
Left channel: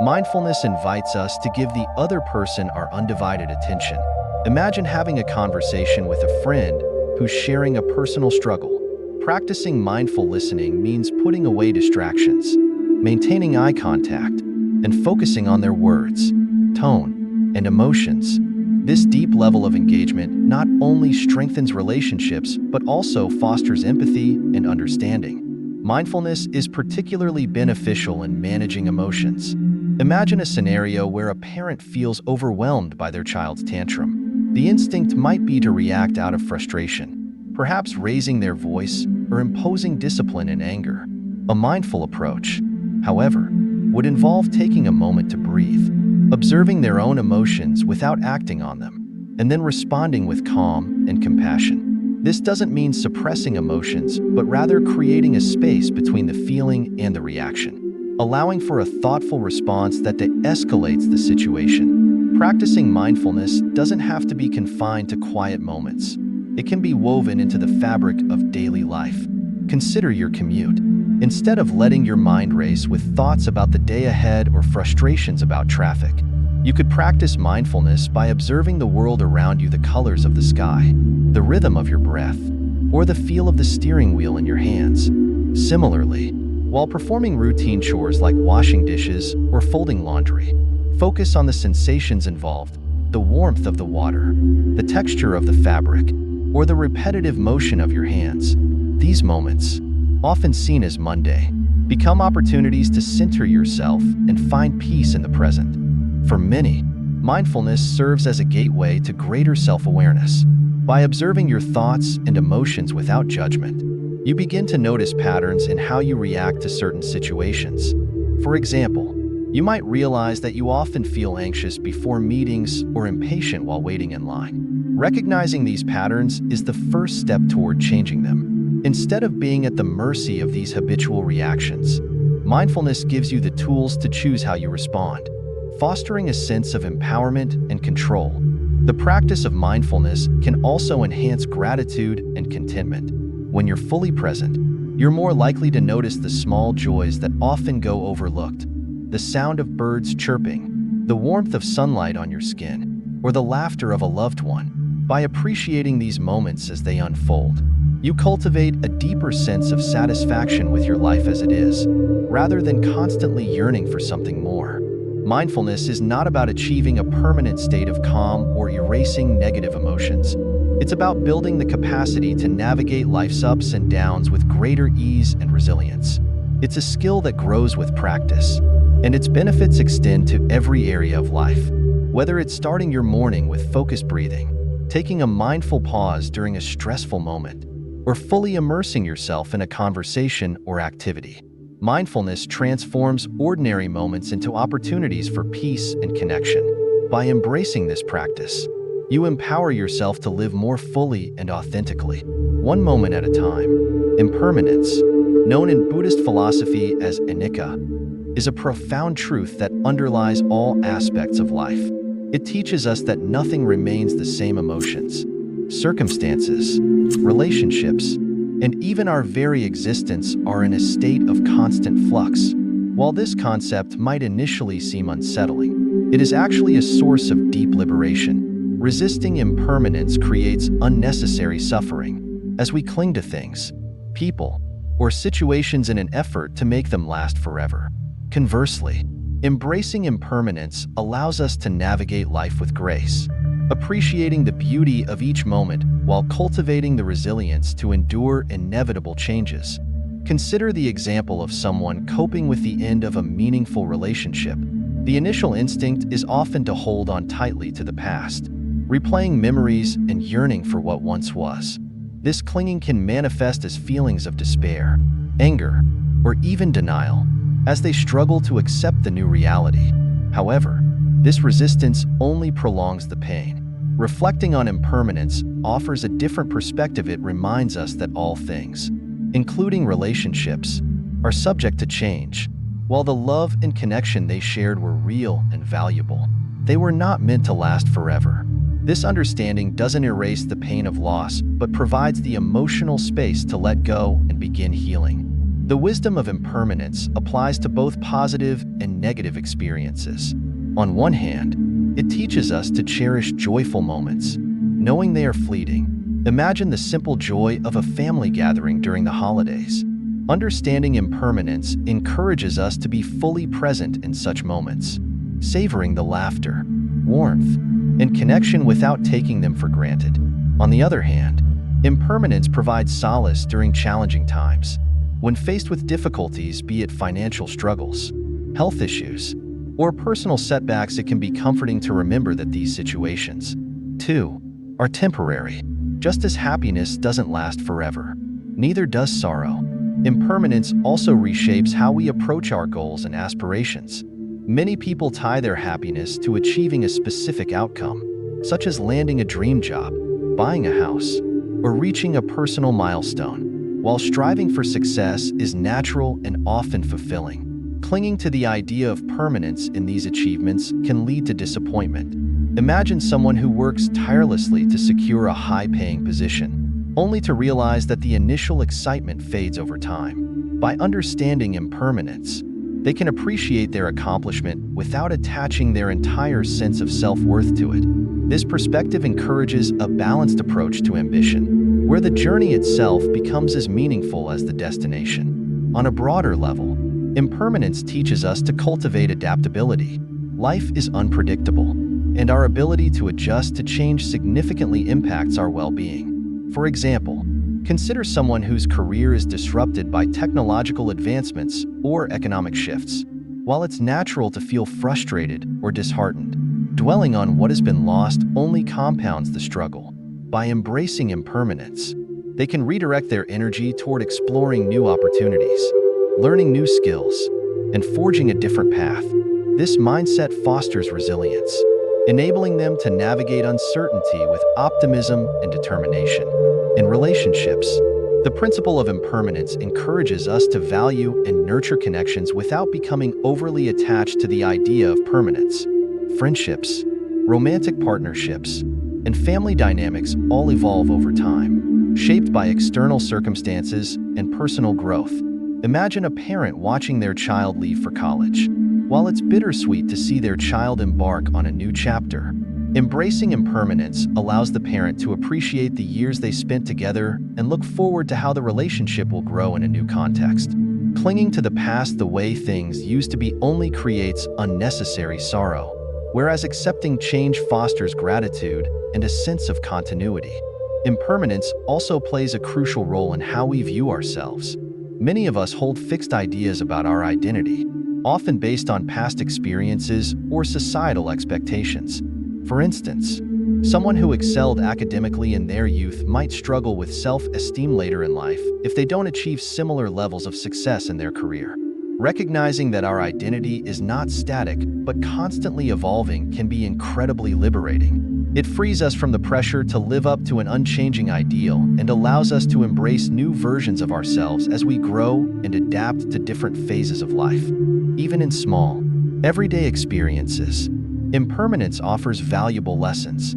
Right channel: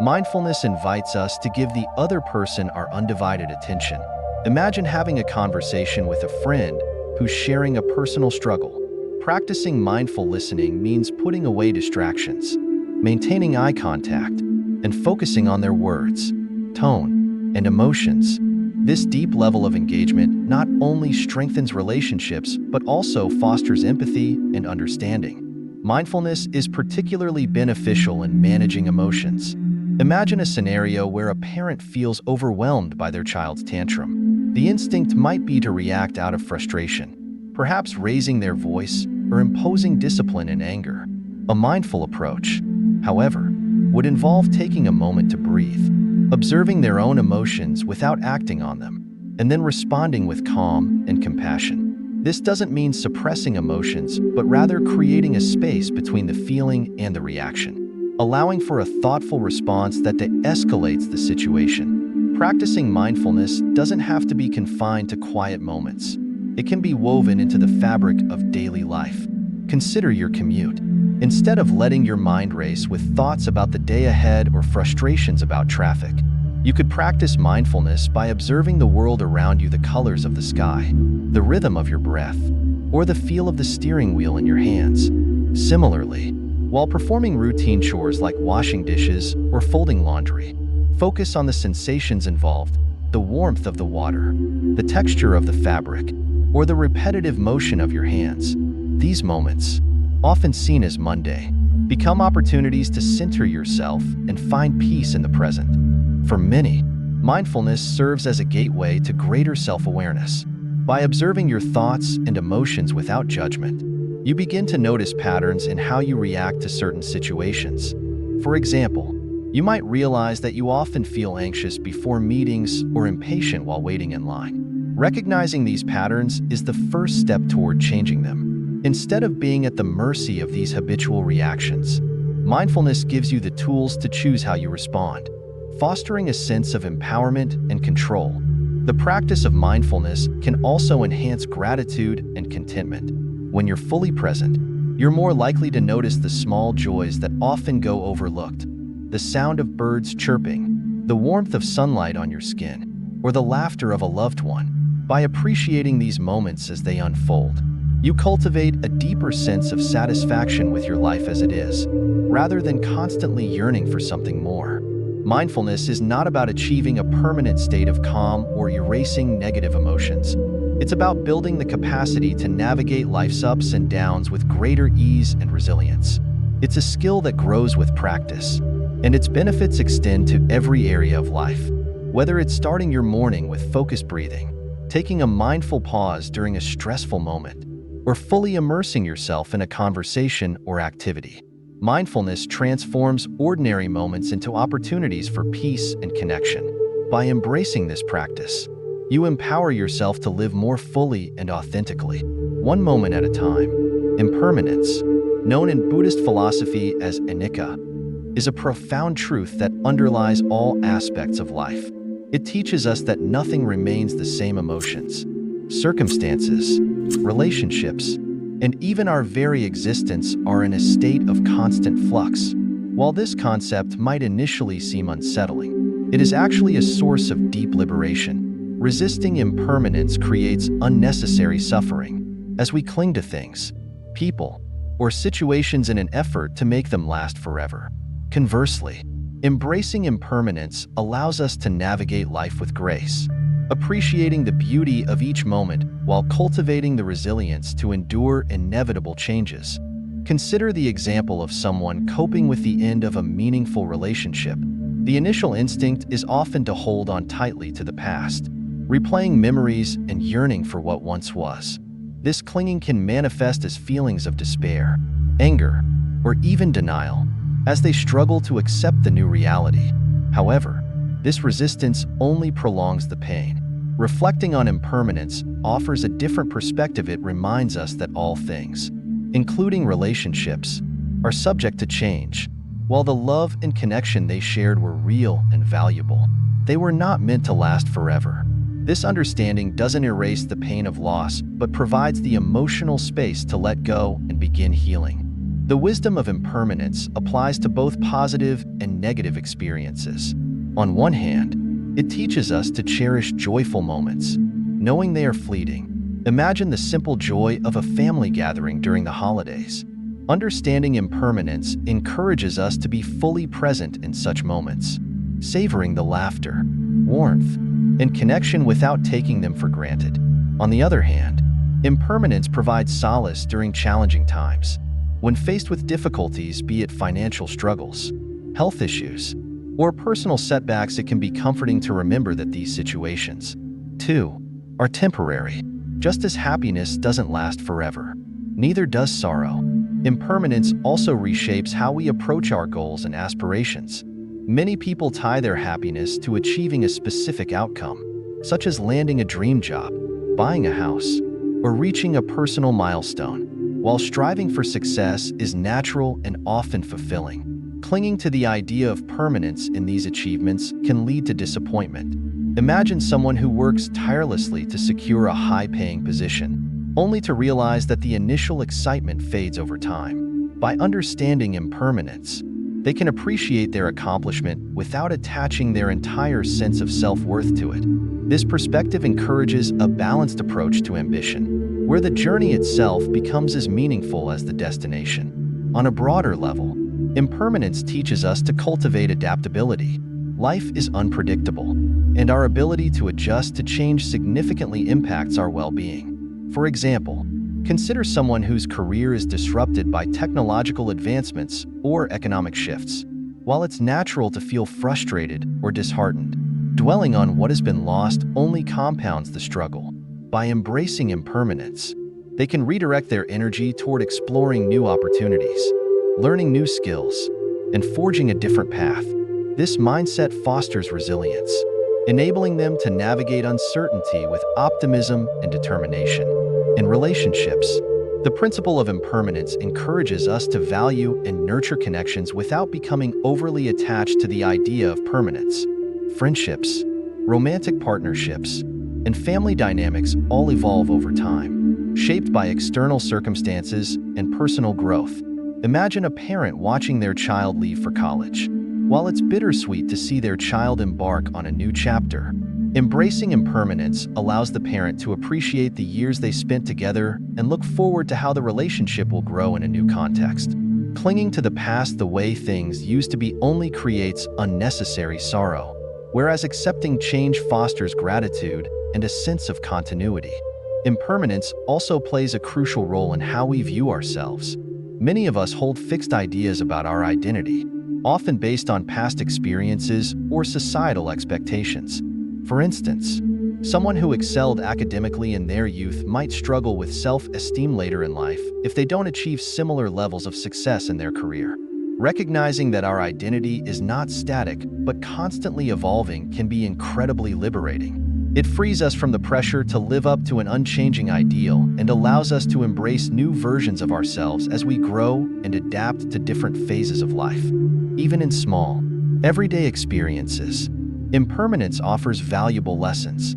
Mindfulness invites us to give the other person our undivided attention. Imagine having a conversation with a friend who's sharing a personal struggle. Practicing mindful listening means putting away distractions, maintaining eye contact, and focusing on their words, tone, and emotions. This deep level of engagement not only strengthens relationships, but also fosters empathy and understanding. Mindfulness is particularly beneficial in managing emotions. Imagine a scenario where a parent feels overwhelmed by their child's tantrum. The instinct might be to react out of frustration, perhaps raising their voice or imposing discipline in anger. A mindful approach, however, would involve taking a moment to breathe, observing their own emotions without acting on them, and then responding with calm and compassion. This doesn't mean suppressing emotions, but rather creating a space between the feeling and the reaction, allowing for a thoughtful response that de-escalates the situation. Practicing mindfulness doesn't have to be confined to quiet moments. It can be woven into the fabric of daily life. Consider your commute. Instead of letting your mind race with thoughts about the day ahead or frustrations about traffic, you could practice mindfulness by observing the world around you, the colors of the sky, the rhythm of your breath, or the feel of the steering wheel in your hands. Similarly, while performing routine chores like washing dishes or folding laundry, focus on the sensations involved, the warmth of the water, the texture of the fabric, or the repetitive motion of your hands. These moments, often seen as mundane, become opportunities to center yourself and find peace in the present. For many, mindfulness serves as a gateway to greater self-awareness. By observing your thoughts and emotions without judgment, you begin to notice patterns in how you react to certain situations. For example, you might realize that you often feel anxious before meetings or impatient while waiting in line. Recognizing these patterns is the first step toward changing them. Instead of being at the mercy of these habitual reactions, mindfulness gives you the tools to choose how you respond, fostering a sense of empowerment and control. The practice of mindfulness can also enhance gratitude and contentment. When you're fully present, you're more likely to notice the small joys that often go overlooked. The sound of birds chirping, the warmth of sunlight on your skin, or the laughter of a loved one. By appreciating these moments as they unfold, you cultivate a deeper sense of satisfaction with your life as it is, rather than constantly yearning for something more. Mindfulness is not about achieving a permanent state of calm or erasing negative emotions. It's about building the capacity to navigate life's ups and downs with greater ease and resilience. It's a skill that grows with practice, and its benefits extend to every area of life. Whether it's starting your morning with focused breathing, taking a mindful pause during a stressful moment, or fully immersing yourself in a conversation or activity. Mindfulness transforms ordinary moments into opportunities for peace and connection. By embracing this practice, you empower yourself to live more fully and authentically, one moment at a time. Impermanence, known in Buddhist philosophy as anicca, is a profound truth that underlies all aspects of life. It teaches us that nothing remains the same. Emotions, circumstances, relationships, and even our very existence are in a state of constant flux. While this concept might initially seem unsettling, it is actually a source of deep liberation. Resisting impermanence creates unnecessary suffering, as we cling to things, people, or situations in an effort to make them last forever. Conversely, embracing impermanence allows us to navigate life with grace, appreciating the beauty of each moment while cultivating the resilience to endure inevitable changes. Consider the example of someone coping with the end of a meaningful relationship. The initial instinct is often to hold on tightly to the past, replaying memories and yearning for what once was. This clinging can manifest as feelings of despair, anger, or even denial, as they struggle to accept the new reality. However, this resistance only prolongs the pain. Reflecting on impermanence offers a different perspective. It reminds us that all things, including relationships, are subject to change. While the love and connection they shared were real and valuable, they were not meant to last forever. This understanding doesn't erase the pain of loss, but provides the emotional space to let go and begin healing. The wisdom of impermanence applies to both positive and negative experiences. On one hand, it teaches us to cherish joyful moments, knowing they are fleeting. Imagine the simple joy of a family gathering during the holidays. Understanding impermanence encourages us to be fully present in such moments, savoring the laughter, warmth, and connection without taking them for granted. On the other hand, impermanence provides solace during challenging times. When faced with difficulties, be it financial struggles, health issues, or personal setbacks, it can be comforting to remember that these situations, too, are temporary. Just as happiness doesn't last forever, neither does sorrow. Impermanence also reshapes how we approach our goals and aspirations. Many people tie their happiness to achieving a specific outcome, such as landing a dream job, buying a house, or reaching a personal milestone. While striving for success is natural and often fulfilling, clinging to the idea of permanence in these achievements can lead to disappointment. Imagine someone who works tirelessly to secure a high-paying position, only to realize that the initial excitement fades over time. By understanding impermanence, they can appreciate their accomplishment without attaching their entire sense of self-worth to it. This perspective encourages a balanced approach to ambition, where the journey itself becomes as meaningful as the destination. On a broader level, impermanence teaches us to cultivate adaptability. Life is unpredictable, and our ability to adjust to change significantly impacts our well-being. For example, consider someone whose career is disrupted by technological advancements or economic shifts. While it's natural to feel frustrated or disheartened, dwelling on what has been lost only compounds the struggle. By embracing impermanence, they can redirect their energy toward exploring new opportunities, learning new skills, and forging a different path. This mindset fosters resilience, enabling them to navigate uncertainty with optimism and determination. In relationships, the principle of impermanence encourages us to value and nurture connections without becoming overly attached to the idea of permanence. Friendships, romantic partnerships, and family dynamics all evolve over time, shaped by external circumstances and personal growth. Imagine a parent watching their child leave for college. While it's bittersweet to see their child embark on a new chapter, embracing impermanence allows the parent to appreciate the years they spent together and look forward to how the relationship will grow in a new context. Clinging to the past the way things used to be only creates unnecessary sorrow, whereas accepting change fosters gratitude and a sense of continuity. Impermanence also plays a crucial role in how we view ourselves. Many of us hold fixed ideas about our identity, often based on past experiences or societal expectations. For instance, Someone who excelled academically in their youth might struggle with self-esteem later in life if they don't achieve similar levels of success in their career. Recognizing that our identity is not static but constantly evolving can be incredibly liberating. It frees us from the pressure to live up to an unchanging ideal and allows us to embrace new versions of ourselves as we grow and adapt to different phases of life. Even in small, everyday experiences, impermanence offers valuable lessons.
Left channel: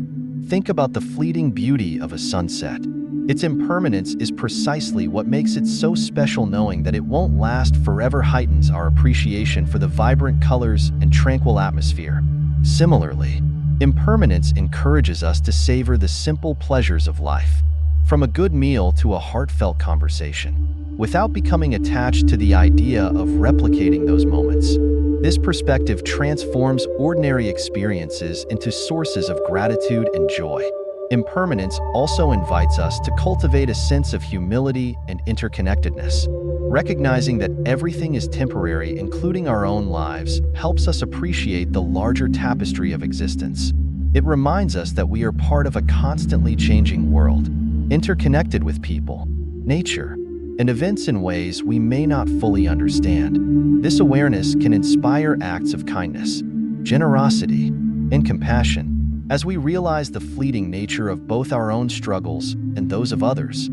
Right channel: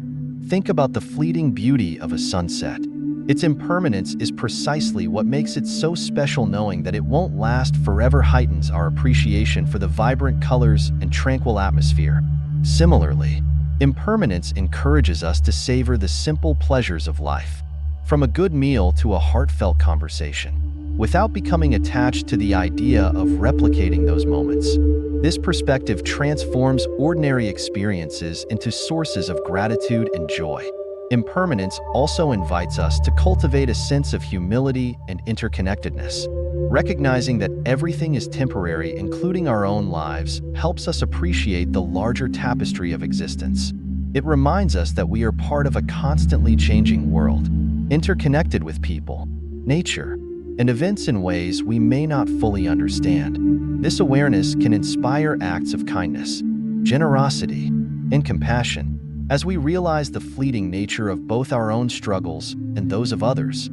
Think about the fleeting beauty of a sunset. Its impermanence is precisely what makes it so special. Knowing that it won't last forever heightens our appreciation for the vibrant colors and tranquil atmosphere. Similarly, impermanence encourages us to savor the simple pleasures of life, from a good meal to a heartfelt conversation, without becoming attached to the idea of replicating those moments. This perspective transforms ordinary experiences into sources of gratitude and joy. Impermanence also invites us to cultivate a sense of humility and interconnectedness. Recognizing that everything is temporary, including our own lives, helps us appreciate the larger tapestry of existence. It reminds us that we are part of a constantly changing world, interconnected with people, nature, and events in ways we may not fully understand. This awareness can inspire acts of kindness, generosity, and compassion as we realize the fleeting nature of both our own struggles and those of others.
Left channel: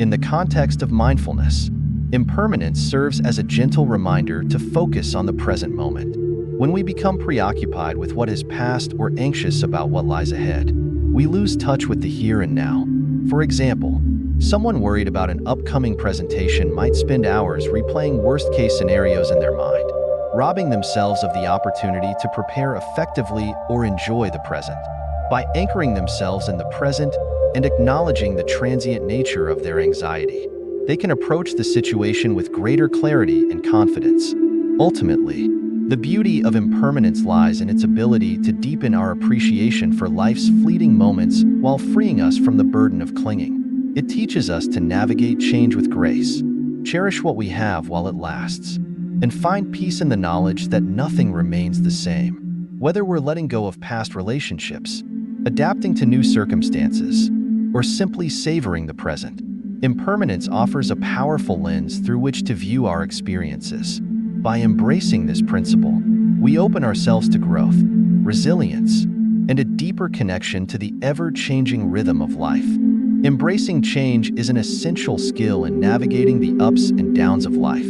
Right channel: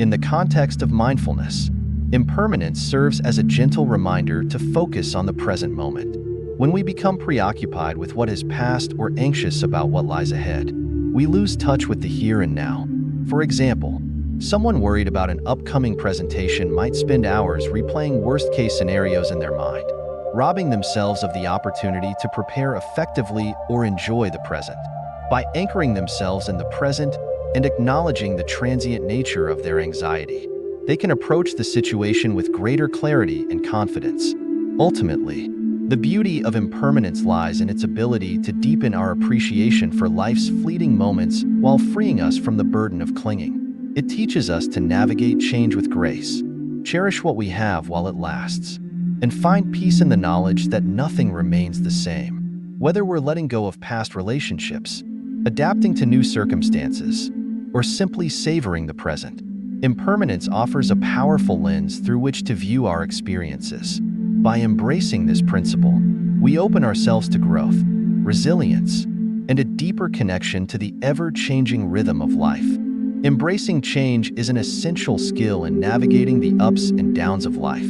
In the context of mindfulness, impermanence serves as a gentle reminder to focus on the present moment. When we become preoccupied with what has passed or anxious about what lies ahead, we lose touch with the here and now. For example, someone worried about an upcoming presentation might spend hours replaying worst-case scenarios in their mind, robbing themselves of the opportunity to prepare effectively or enjoy the present. By anchoring themselves in the present and acknowledging the transient nature of their anxiety, they can approach the situation with greater clarity and confidence. Ultimately, the beauty of impermanence lies in its ability to deepen our appreciation for life's fleeting moments while freeing us from the burden of clinging. It teaches us to navigate change with grace, cherish what we have while it lasts, and find peace in the knowledge that nothing remains the same. Whether we're letting go of past relationships, adapting to new circumstances, or simply savoring the present, impermanence offers a powerful lens through which to view our experiences. By embracing this principle, we open ourselves to growth, resilience, and a deeper connection to the ever-changing rhythm of life. Embracing change is an essential skill in navigating the ups and downs of life,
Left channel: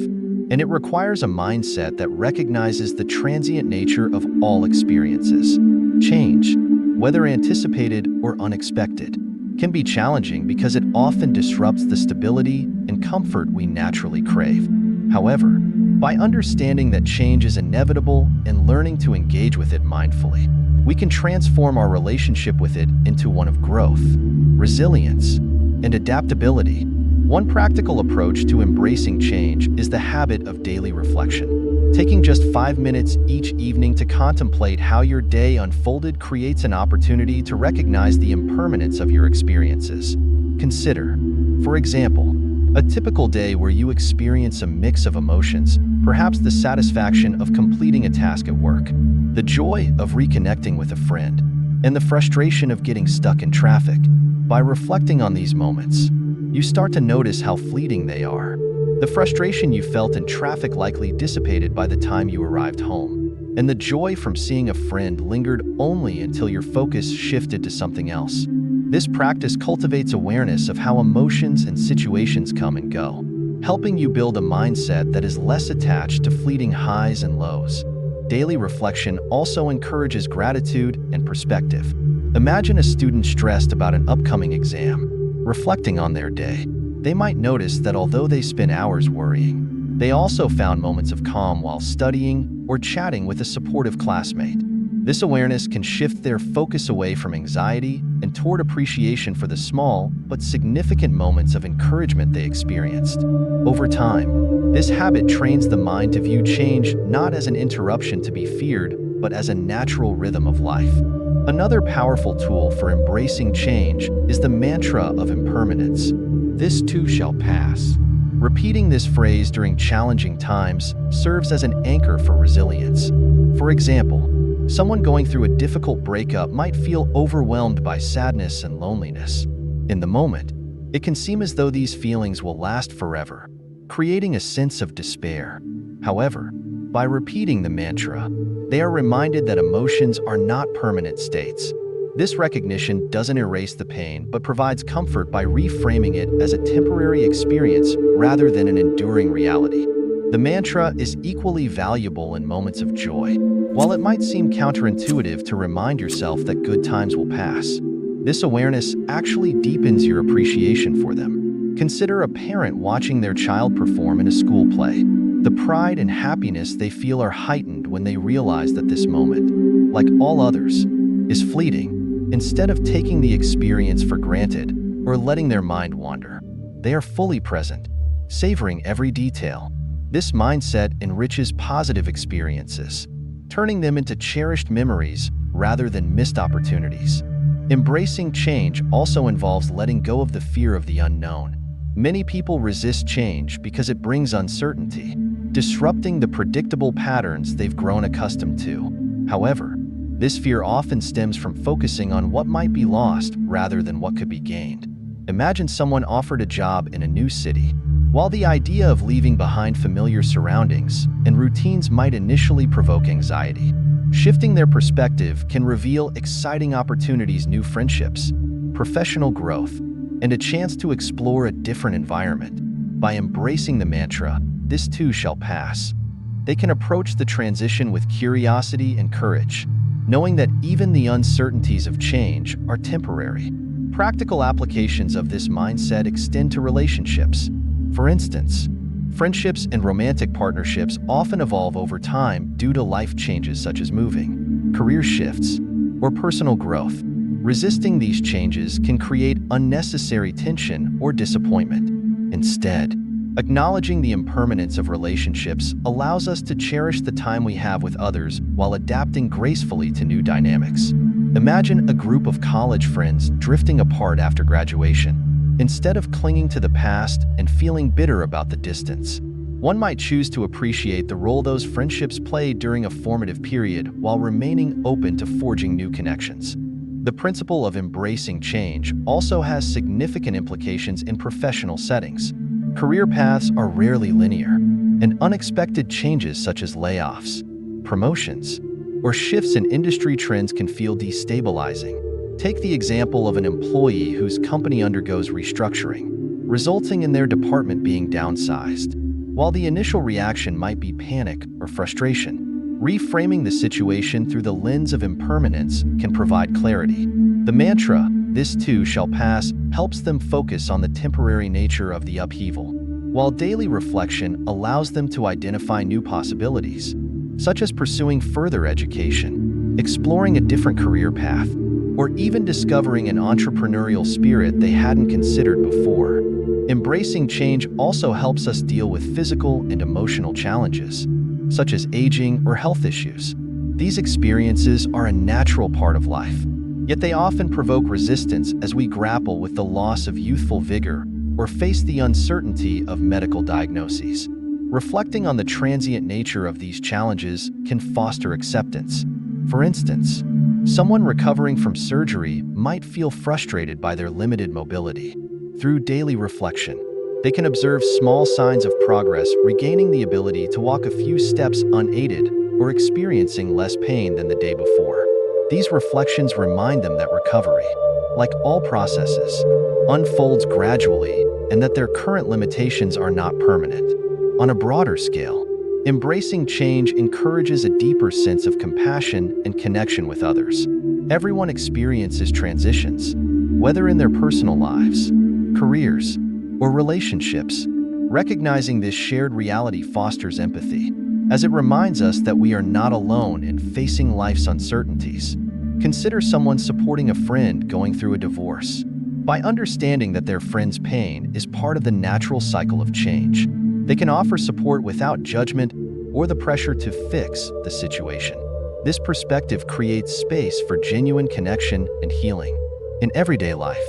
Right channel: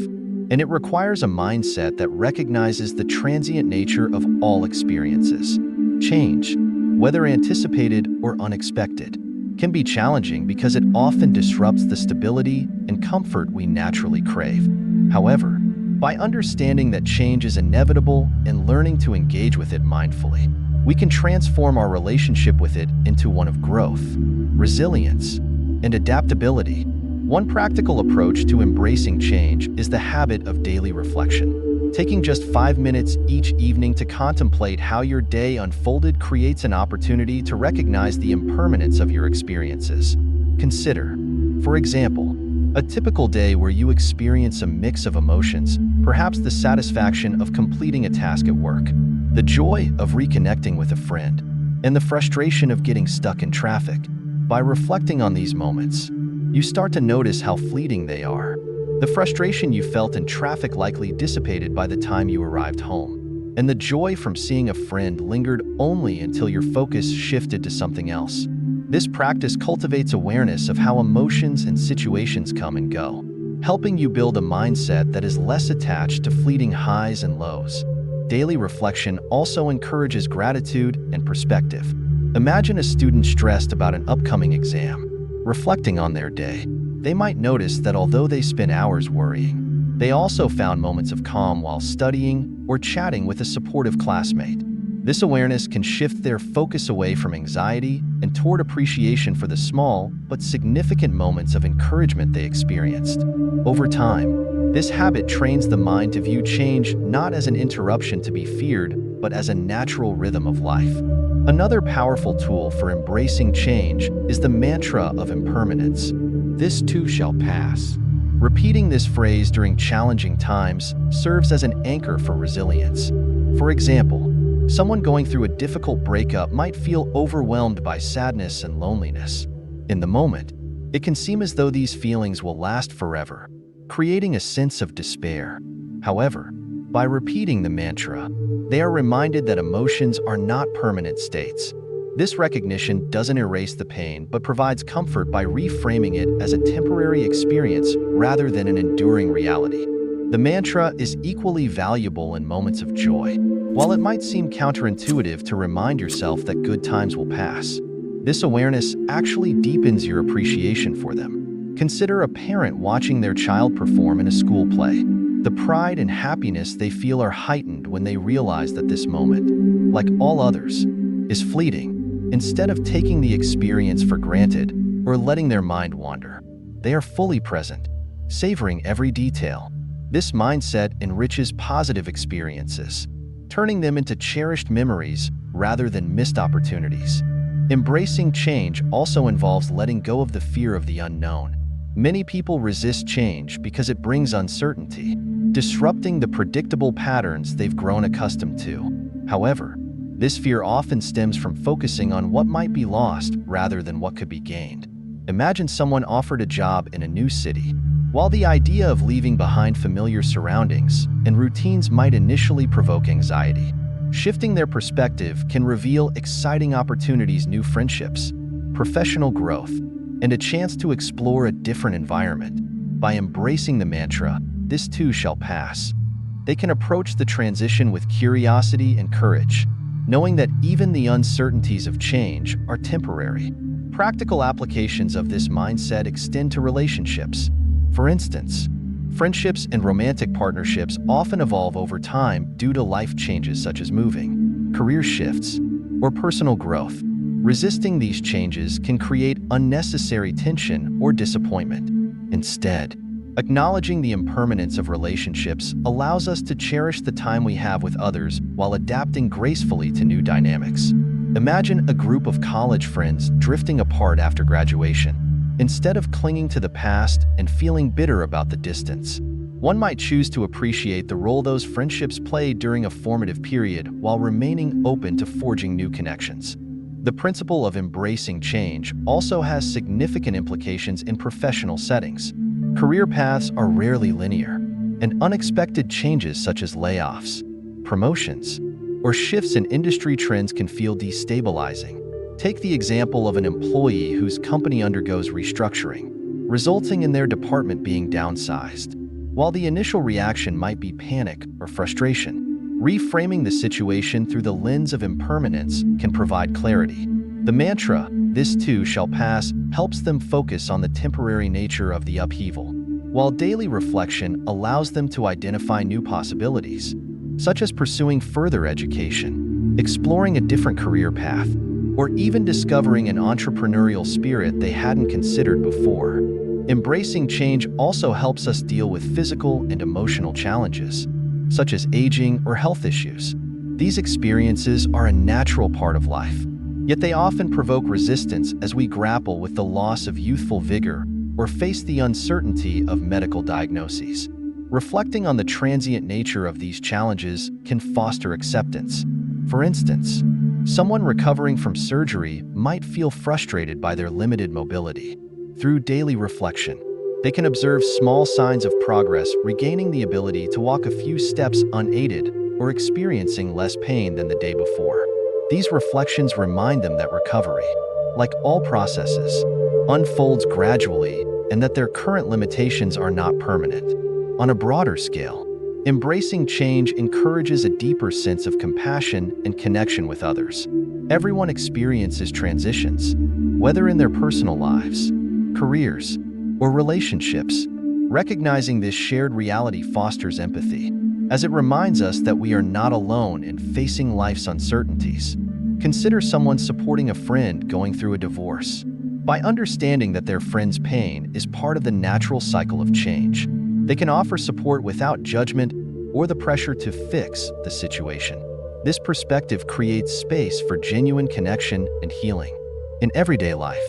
and it requires a mindset that recognizes the transient nature of all experiences. Change, whether anticipated or unexpected, can be challenging because it often disrupts the stability and comfort we naturally crave. However, by understanding that change is inevitable and learning to engage with it mindfully, we can transform our relationship with it into one of growth, resilience, and adaptability. One practical approach to embracing change is the habit of daily reflection. Taking just 5 minutes each evening to contemplate how your day unfolded creates an opportunity to recognize the impermanence of your experiences. Consider, for example, a typical day where you experience a mix of emotions, perhaps the satisfaction of completing a task at work, the joy of reconnecting with a friend, and the frustration of getting stuck in traffic. By reflecting on these moments, you start to notice how fleeting they are. The frustration you felt in traffic likely dissipated by the time you arrived home, and the joy from seeing a friend lingered only until your focus shifted to something else. This practice cultivates awareness of how emotions and situations come and go, helping you build a mindset that is less attached to fleeting highs and lows. Daily reflection also encourages gratitude and perspective. Imagine a student stressed about an upcoming exam. Reflecting on their day, they might notice that although they spent hours worrying, they also found moments of calm while studying or chatting with a supportive classmate. This awareness can shift their focus away from anxiety and toward appreciation for the small but significant moments of encouragement they experienced. Over time, this habit trains the mind to view change not as an interruption to be feared, but as a natural rhythm of life. Another powerful tool for embracing change is the mantra of impermanence. This too shall pass. Repeating this phrase during challenging times serves as an anchor for resilience. For example, Someone going through a difficult breakup might feel overwhelmed by sadness and loneliness. In the moment, it can seem as though these feelings will last forever, creating a sense of despair. However, by repeating the mantra, they are reminded that emotions are not permanent states. This recognition doesn't erase the pain but provides comfort by reframing it as a temporary experience rather than an enduring reality. The mantra is equally valuable in moments of joy. While it might seem counterintuitive to remind yourself that good times will pass, this awareness actually deepens your appreciation for them. Consider a parent watching their child perform in a school play. The pride and happiness they feel are heightened when they realize that this moment, like all others, is fleeting. Instead of taking the experience for granted or letting their mind wander, they are fully present, savoring every detail. This mindset enriches positive experiences, turning them into cherished memories rather than missed opportunities. Embracing change also involves letting go of the fear of the unknown. Many people resist change because it brings uncertainty, disrupting the predictable patterns they've grown accustomed to. However, this fear often stems from focusing on what might be lost rather than what could be gained. Imagine someone offered a job in a new city. While the idea of leaving behind familiar surroundings and routines might initially provoke anxiety, shifting their perspective can reveal exciting opportunities, new friendships, professional growth, and a chance to explore a different environment. By embracing the mantra, "This too shall pass," they can approach the transition with curiosity and courage, knowing that even the uncertainties of change are temporary. Practical applications of this mindset extend to relationships. For instance, friendships and romantic partnerships often evolve over time due to life changes such as moving, career shifts, or personal growth. Resisting these changes can create unnecessary tension or disappointment. Instead, acknowledging the impermanence of relationships allows us to cherish the time we have with others while adapting gracefully to new dynamics. Imagine a group of college friends drifting apart after graduation. Instead of clinging to the past and feeling bitter about the distance, one might choose to appreciate the role those friendships played during a formative period while remaining open to forging new connections. The principle of embracing change also has significant implications in professional settings. Career paths are rarely linear, and unexpected changes such as layoffs, promotions, or shifts in industry trends can feel destabilizing. Take the example of an employee whose company undergoes restructuring, resulting in their department being downsized. While the initial reaction might be panic or frustration, reframing the situation through the lens of impermanence can provide clarity. The mantra, "This too shall pass," helps them focus on the temporary nature of the upheaval, while daily reflection allows them to identify new possibilities, such as pursuing further education, exploring a different career path, or even discovering an entrepreneurial spirit they hadn't considered before. Embracing change also helps us deal with physical and emotional challenges, such as aging or health issues. These experiences are a natural part of life, yet they often provoke resistance as we grapple with the loss of youthful vigor or face the uncertainty of medical diagnoses. Reflecting on the transient nature of these challenges can foster acceptance. For instance, someone recovering from surgery might feel frustrated by their limited mobility. Through daily reflection, they can observe small signs of progress, regaining the ability to walk a few steps unaided or experiencing less pain than the day before. These reflections remind them that recovery, like all processes, unfolds gradually and that their current limitations are not permanent. On a broader scale, embracing change encourages a deeper sense of compassion and connection with others. Everyone experiences transitions, whether in their personal lives, careers, or relationships. Recognizing this shared reality fosters empathy, as it reminds us that we are not alone in facing life's uncertainties. Consider someone supporting a friend going through a divorce. By understanding that their friend's pain is part of the natural cycle of change, they can offer support without judgment or the pressure to fix the situation. This perspective creates space for genuine connection and healing. In everyday life,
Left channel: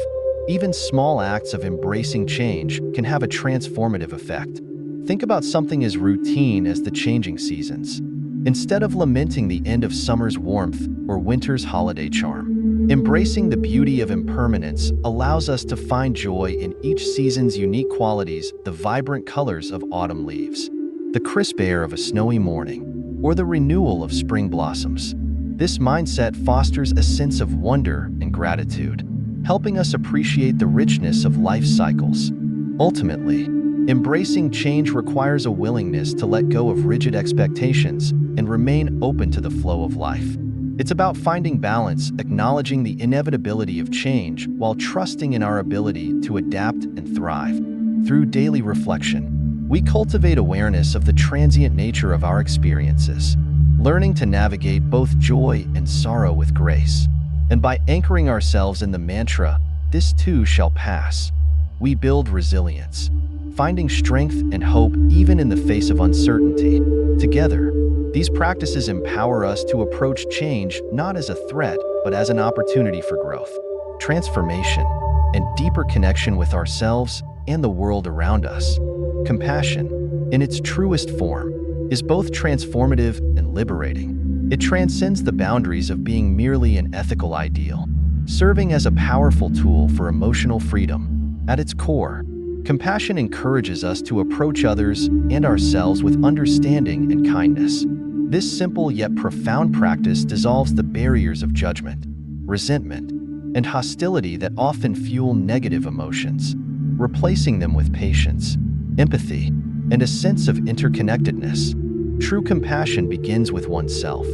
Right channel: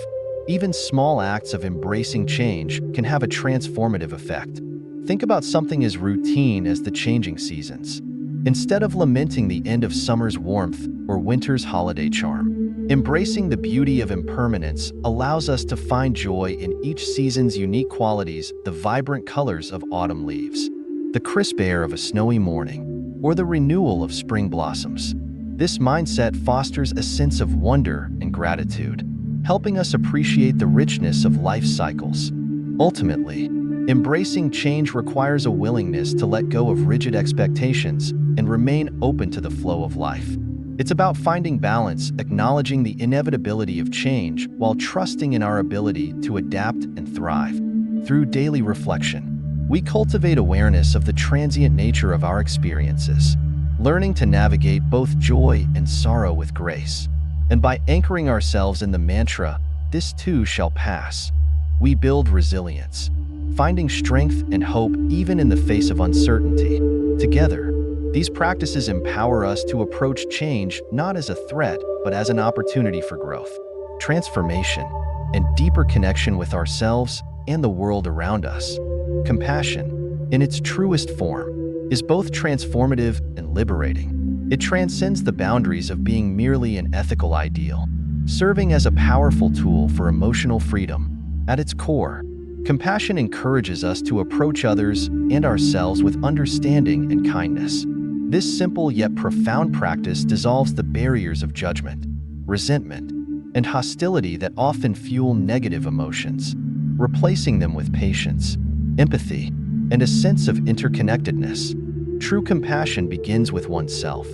even small acts of embracing change can have a transformative effect. Think about something as routine as the changing seasons. instead of lamenting the end of summer's warmth or winter's holiday charm. Embracing the beauty of impermanence allows us to find joy in each season's unique qualities, the vibrant colors of autumn leaves, the crisp air of a snowy morning, or the renewal of spring blossoms. This mindset fosters a sense of wonder and gratitude, helping us appreciate the richness of life's cycles. Ultimately, embracing change requires a willingness to let go of rigid expectations and remain open to the flow of life. It's about finding balance, acknowledging the inevitability of change while trusting in our ability to adapt and thrive. Through daily reflection, we cultivate awareness of the transient nature of our experiences, learning to navigate both joy and sorrow with grace. And by anchoring ourselves in the mantra, "This too shall pass," we build resilience, finding strength and hope even in the face of uncertainty. Together, these practices empower us to approach change not as a threat, but as an opportunity for growth, transformation, and deeper connection with ourselves and the world around us. Compassion, in its truest form, is both transformative and liberating. It transcends the boundaries of being merely an ethical ideal, serving as a powerful tool for emotional freedom. At its core, compassion encourages us to approach others and ourselves with understanding and kindness. This simple yet profound practice dissolves the barriers of judgment, resentment, and hostility that often fuel negative emotions, replacing them with patience, empathy, and a sense of interconnectedness. True compassion begins with oneself,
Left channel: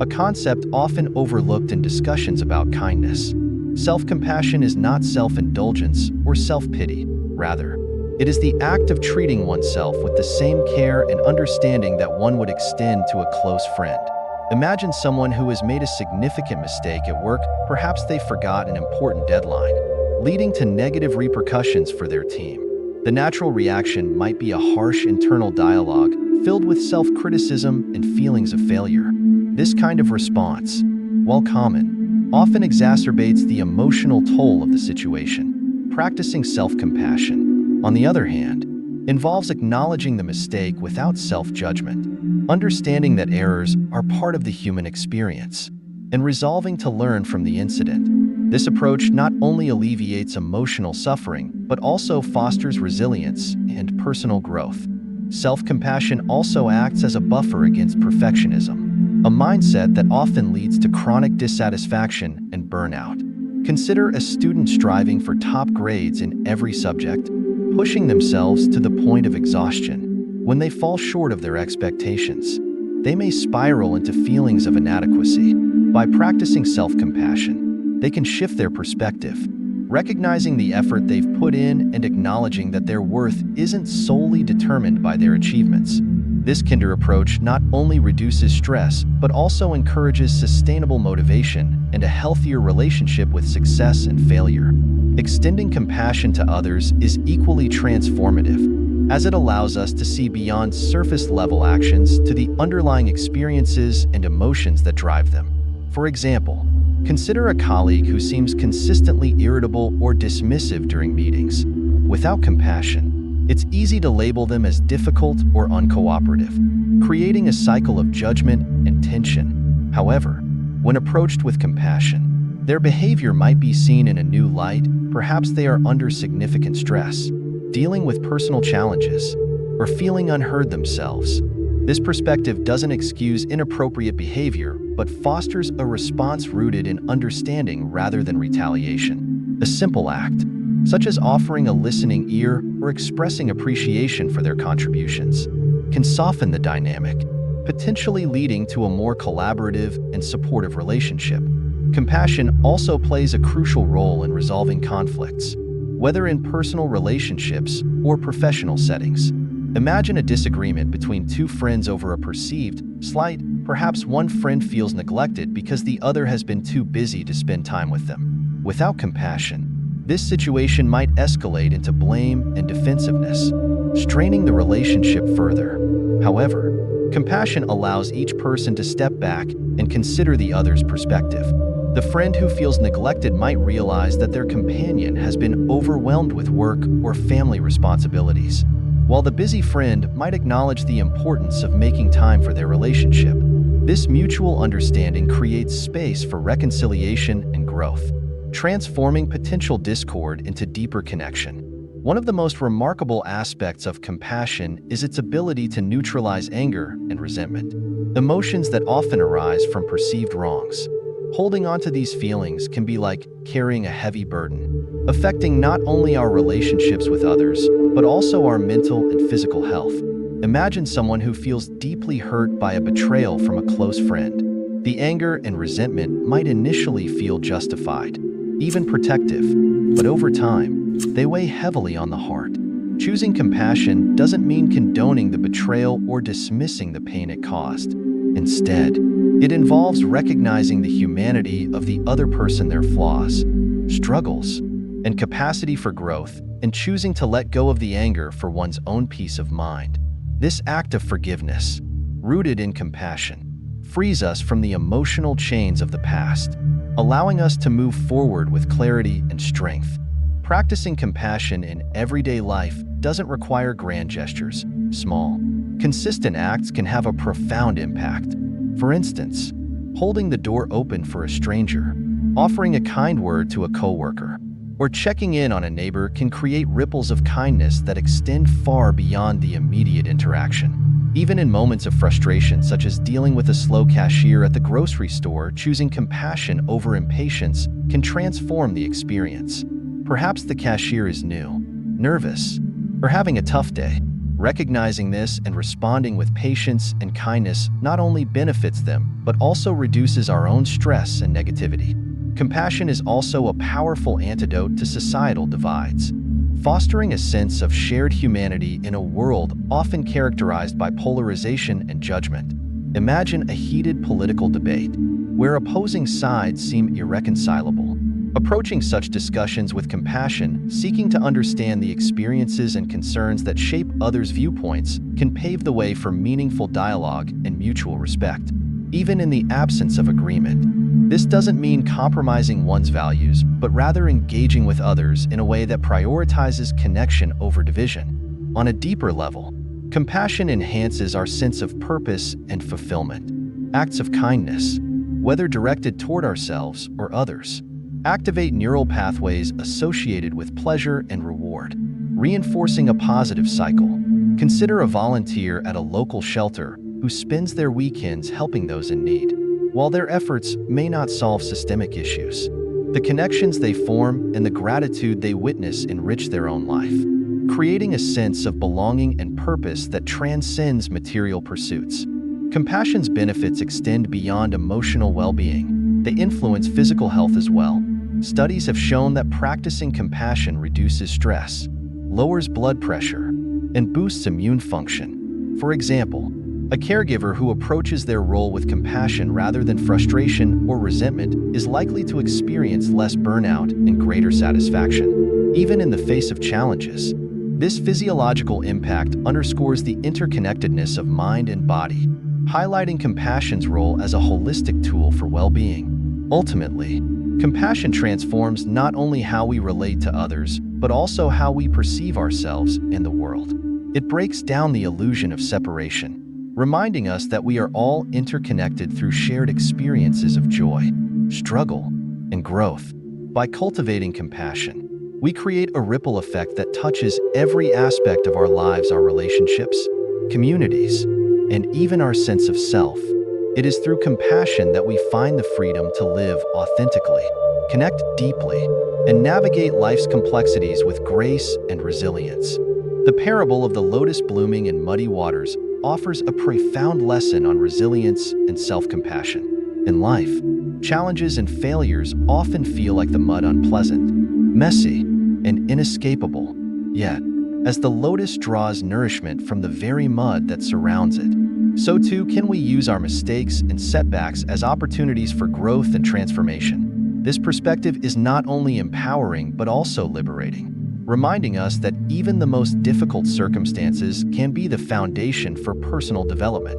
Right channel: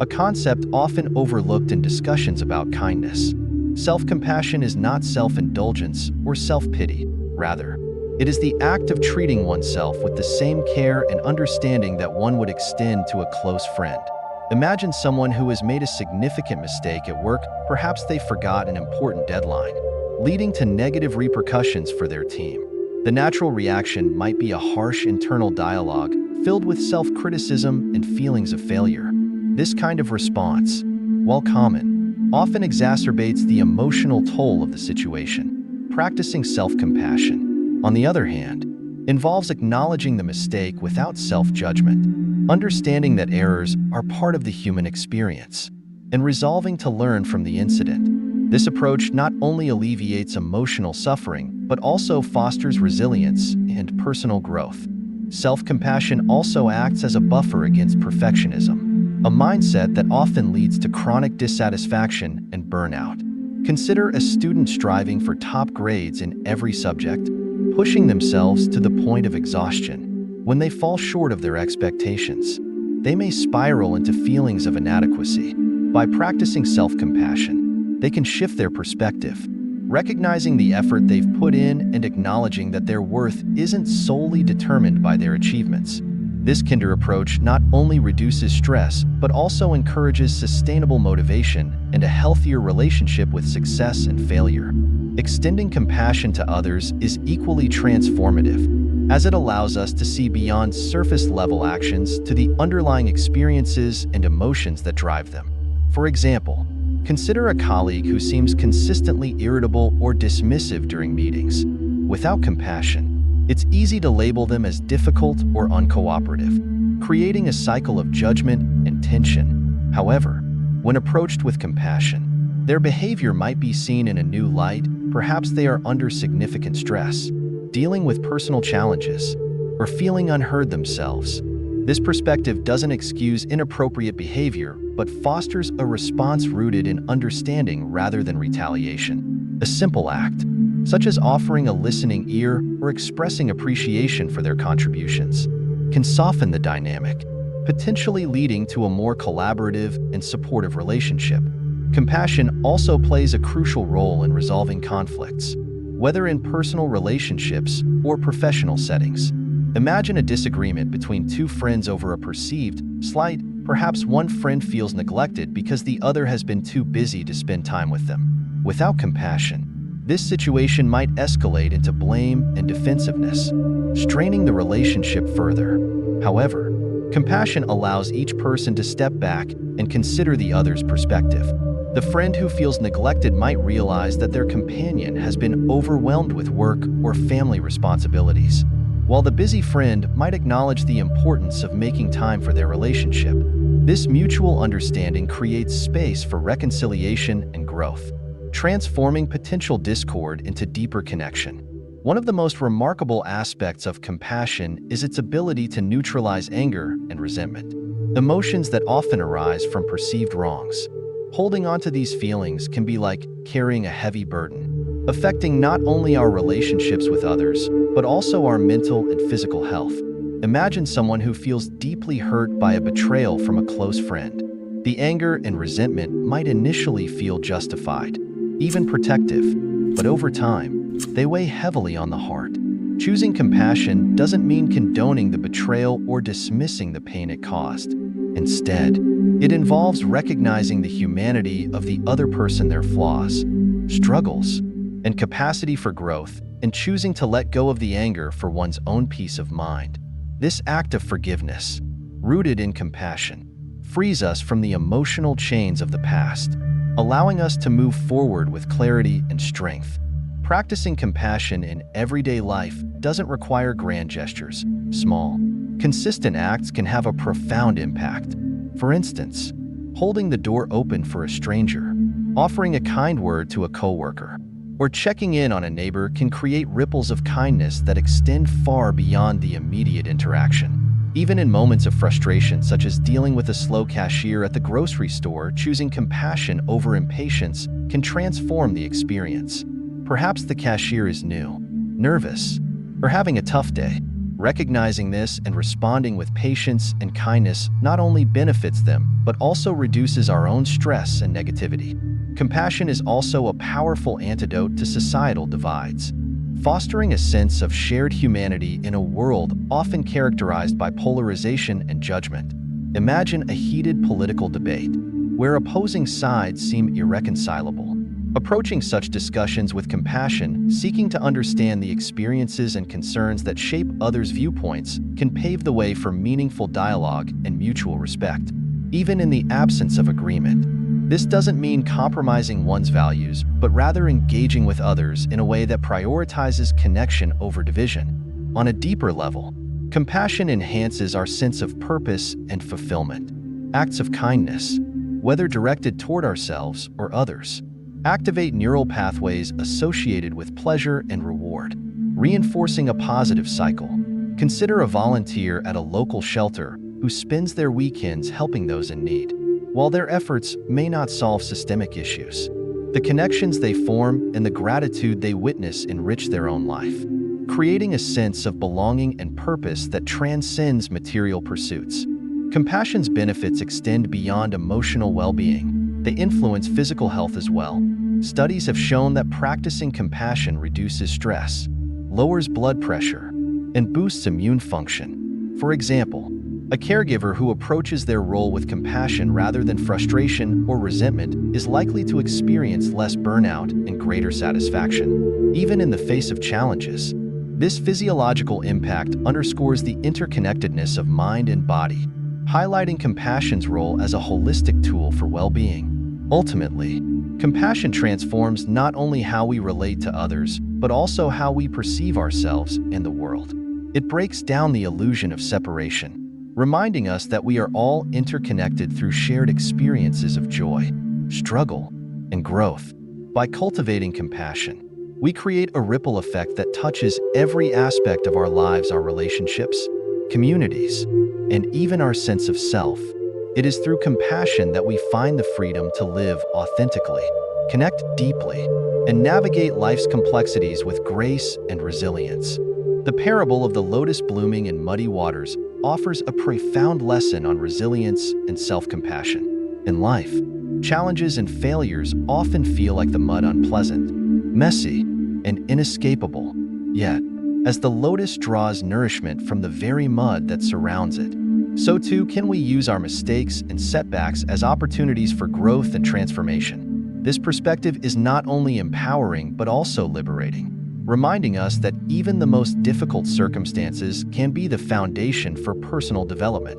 a concept often overlooked in discussions about kindness. Self-compassion is not self-indulgence or self-pity. Rather, it is the act of treating oneself with the same care and understanding that one would extend to a close friend. Imagine someone who has made a significant mistake at work. Perhaps they forgot an important deadline, leading to negative repercussions for their team. The natural reaction might be a harsh internal dialogue filled with self-criticism and feelings of failure. This kind of response, while common, often exacerbates the emotional toll of the situation. Practicing self-compassion, on the other hand, involves acknowledging the mistake without self-judgment, understanding that errors are part of the human experience, and resolving to learn from the incident. This approach not only alleviates emotional suffering, but also fosters resilience and personal growth. Self-compassion also acts as a buffer against perfectionism, a mindset that often leads to chronic dissatisfaction and burnout. Consider a student striving for top grades in every subject, pushing themselves to the point of exhaustion. When they fall short of their expectations, they may spiral into feelings of inadequacy. By practicing self-compassion, they can shift their perspective, recognizing the effort they've put in and acknowledging that their worth isn't solely determined by their achievements. This kinder approach not only reduces stress, but also encourages sustainable motivation and a healthier relationship with success and failure. Extending compassion to others is equally transformative, as it allows us to see beyond surface-level actions to the underlying experiences and emotions that drive them. For example, consider a colleague who seems consistently irritable or dismissive during meetings. Without compassion, it's easy to label them as difficult or uncooperative, creating a cycle of judgment and tension. However, when approached with compassion, their behavior might be seen in a new light. Perhaps they are under significant stress, dealing with personal challenges, or feeling unheard themselves. This perspective doesn't excuse inappropriate behavior, but fosters a response rooted in understanding rather than retaliation. A simple act, such as offering a listening ear or expressing appreciation for their contributions, can soften the dynamic, potentially leading to a more collaborative and supportive relationship. Compassion also plays a crucial role in resolving conflicts, whether in personal relationships or professional settings. Imagine a disagreement between two friends over a perceived slight. Perhaps one friend feels neglected because the other has been too busy to spend time with them. Without compassion, this situation might escalate into blame and defensiveness, straining the relationship further. However, compassion allows each person to step back and consider the other's perspective. The friend who feels neglected might realize that their companion has been overwhelmed with work or family responsibilities, while the busy friend might acknowledge the importance of making time for their relationship. This mutual understanding creates space for reconciliation and growth, transforming potential discord into deeper connection. One of the most remarkable aspects of compassion is its ability to neutralize anger and resentment, emotions that often arise from perceived wrongs. Holding on to these feelings can be like carrying a heavy burden, affecting not only our relationships with others, but also our mental and physical health. Imagine someone who feels deeply hurt by a betrayal from a close friend. The anger and resentment might initially feel justified, even protective, but over time, they weigh heavily on the heart. Choosing compassion doesn't mean condoning the betrayal or dismissing the pain it caused. Instead, it involves recognizing the humanity of the other person, their flaws, struggles, and capacity for growth, and choosing to let go of the anger for one's own peace of mind. This act of forgiveness, rooted in compassion, frees us from the emotional chains of the past, allowing us to move forward with clarity and strength. Practicing compassion in everyday life doesn't require grand gestures. Small, consistent acts can have a profound impact. For instance, holding the door open for a stranger, offering a kind word to a coworker, or checking in on a neighbor can create ripples of kindness that extend far beyond the immediate interaction. Even in moments of frustration, such as dealing with a slow cashier at the grocery store, choosing compassion over impatience can transform the experience. Perhaps the cashier is new, nervous, or having a tough day. Recognizing this and responding with patience and kindness not only benefits them, but also reduces our own stress and negativity. Compassion is also a powerful antidote to societal divides, fostering a sense of shared humanity in a world often characterized by polarization and judgment. Imagine a heated political debate, where opposing sides seem irreconcilable. Approaching such discussions with compassion, seeking to understand the experiences and concerns that shape others' viewpoints, can pave the way for meaningful dialogue and mutual respect. Even in the absence of agreement, this doesn't mean compromising one's values, but rather engaging with others in a way that prioritizes connection over division. On a deeper level, compassion enhances our sense of purpose and fulfillment. Acts of kindness, whether directed toward ourselves or others, activate neural pathways associated with pleasure and reward, reinforcing a positive cycle. Consider a volunteer at a local shelter who spends their weekends helping those in need. While their efforts may not solve systemic issues, the connections they form and the gratitude they witness enrich their own life, creating a sense of belonging and purpose that transcends material pursuits. Compassion's benefits extend beyond emotional well-being. They influence physical health as well. Studies have shown that practicing compassion reduces stress, lowers blood pressure, and boosts immune function. For example, a caregiver who approaches their role with compassion rather than frustration or resentment is likely to experience less burnout and greater satisfaction, even in the face of challenges. This physiological impact underscores the interconnectedness of mind and body, highlighting compassion's role as a holistic tool for well-being. Ultimately, compassion transforms not only how we relate to others, but also how we perceive ourselves and the world. It breaks down the illusion of separation, reminding us that we are all interconnected through shared experiences of joy, struggle, and growth. By cultivating compassion, we create a ripple effect that touches every aspect of our lives, our relationships, communities, and even our sense of self. It is through compassion that we find the freedom to live authentically, connect deeply, and navigate life's complexities with grace and resilience. The parable of the lotus blooming in muddy waters offers a profound lesson on resilience and self-compassion. In life, challenges and failures often feel like the mud, unpleasant, messy, and inescapable. Yet, as the lotus draws nourishment from the very mud that surrounds it, so too can we use our mistakes and setbacks as opportunities for growth and transformation. This perspective is not only empowering but also liberating, reminding us that even the most difficult circumstances can be the foundation for personal development.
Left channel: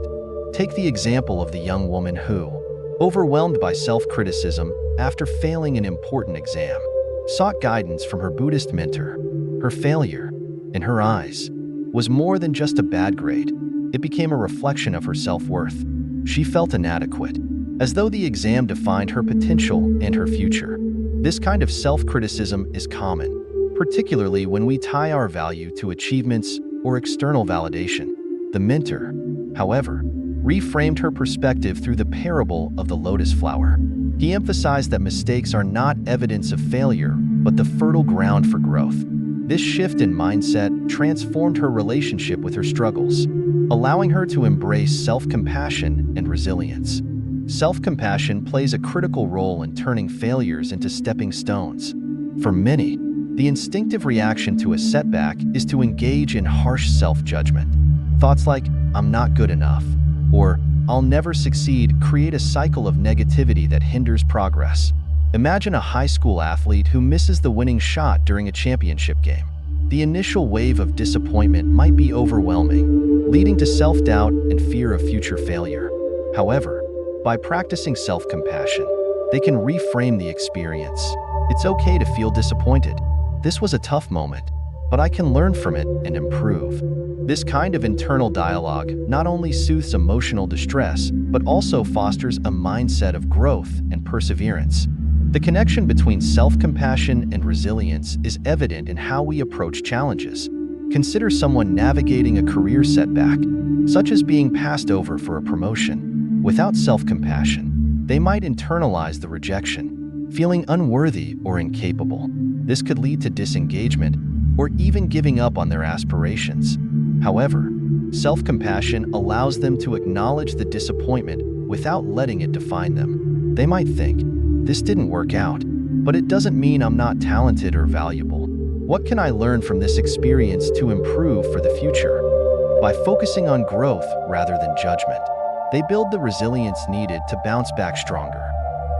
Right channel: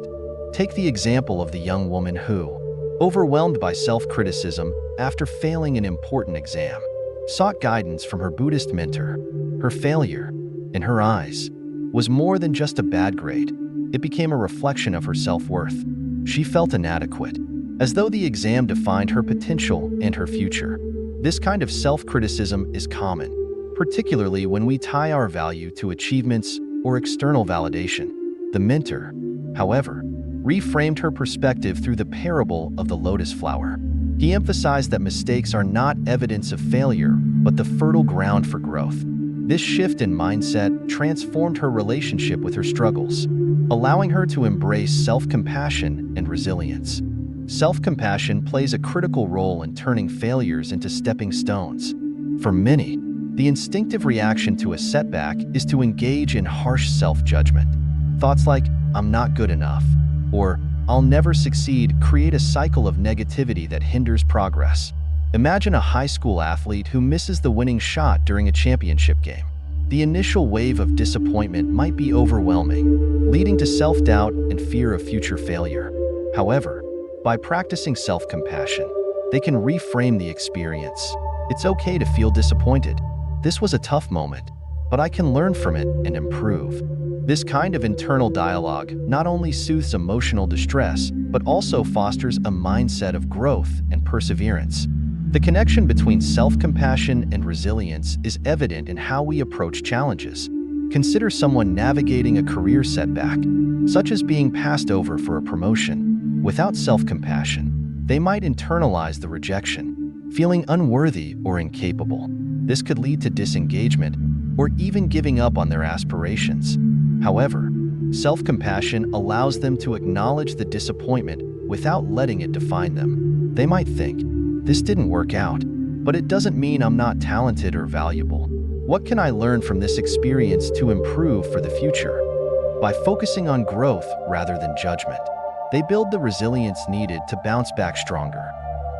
Take the example of the young woman who, overwhelmed by self-criticism after failing an important exam, sought guidance from her Buddhist mentor. Her failure, in her eyes, was more than just a bad grade. It became a reflection of her self-worth. She felt inadequate, as though the exam defined her potential and her future. This kind of self-criticism is common, particularly when we tie our value to achievements or external validation. The mentor, however, reframed her perspective through the parable of the lotus flower. He emphasized that mistakes are not evidence of failure, but the fertile ground for growth. This shift in mindset transformed her relationship with her struggles, allowing her to embrace self-compassion and resilience. Self-compassion plays a critical role in turning failures into stepping stones. For many, the instinctive reaction to a setback is to engage in harsh self-judgment. Thoughts like, "I'm not good enough," or "I'll never succeed," create a cycle of negativity that hinders progress. Imagine a high school athlete who misses the winning shot during a championship game. The initial wave of disappointment might be overwhelming, leading to self-doubt and fear of future failure. However, by practicing self-compassion, they can reframe the experience. It's okay to feel disappointed. This was a tough moment, but I can learn from it and improve. This kind of internal dialogue not only soothes emotional distress, but also fosters a mindset of growth and perseverance. The connection between self-compassion and resilience is evident in how we approach challenges. Consider someone navigating a career setback, such as being passed over for a promotion. Without self-compassion, they might internalize the rejection, feeling unworthy or incapable. This could lead to disengagement or even giving up on their aspirations. However, self-compassion allows them to acknowledge the disappointment without letting it define them. They might think, "This didn't work out, but it doesn't mean I'm not talented or valuable. What can I learn from this experience to improve for the future?" By focusing on growth rather than judgment, they build the resilience needed to bounce back stronger.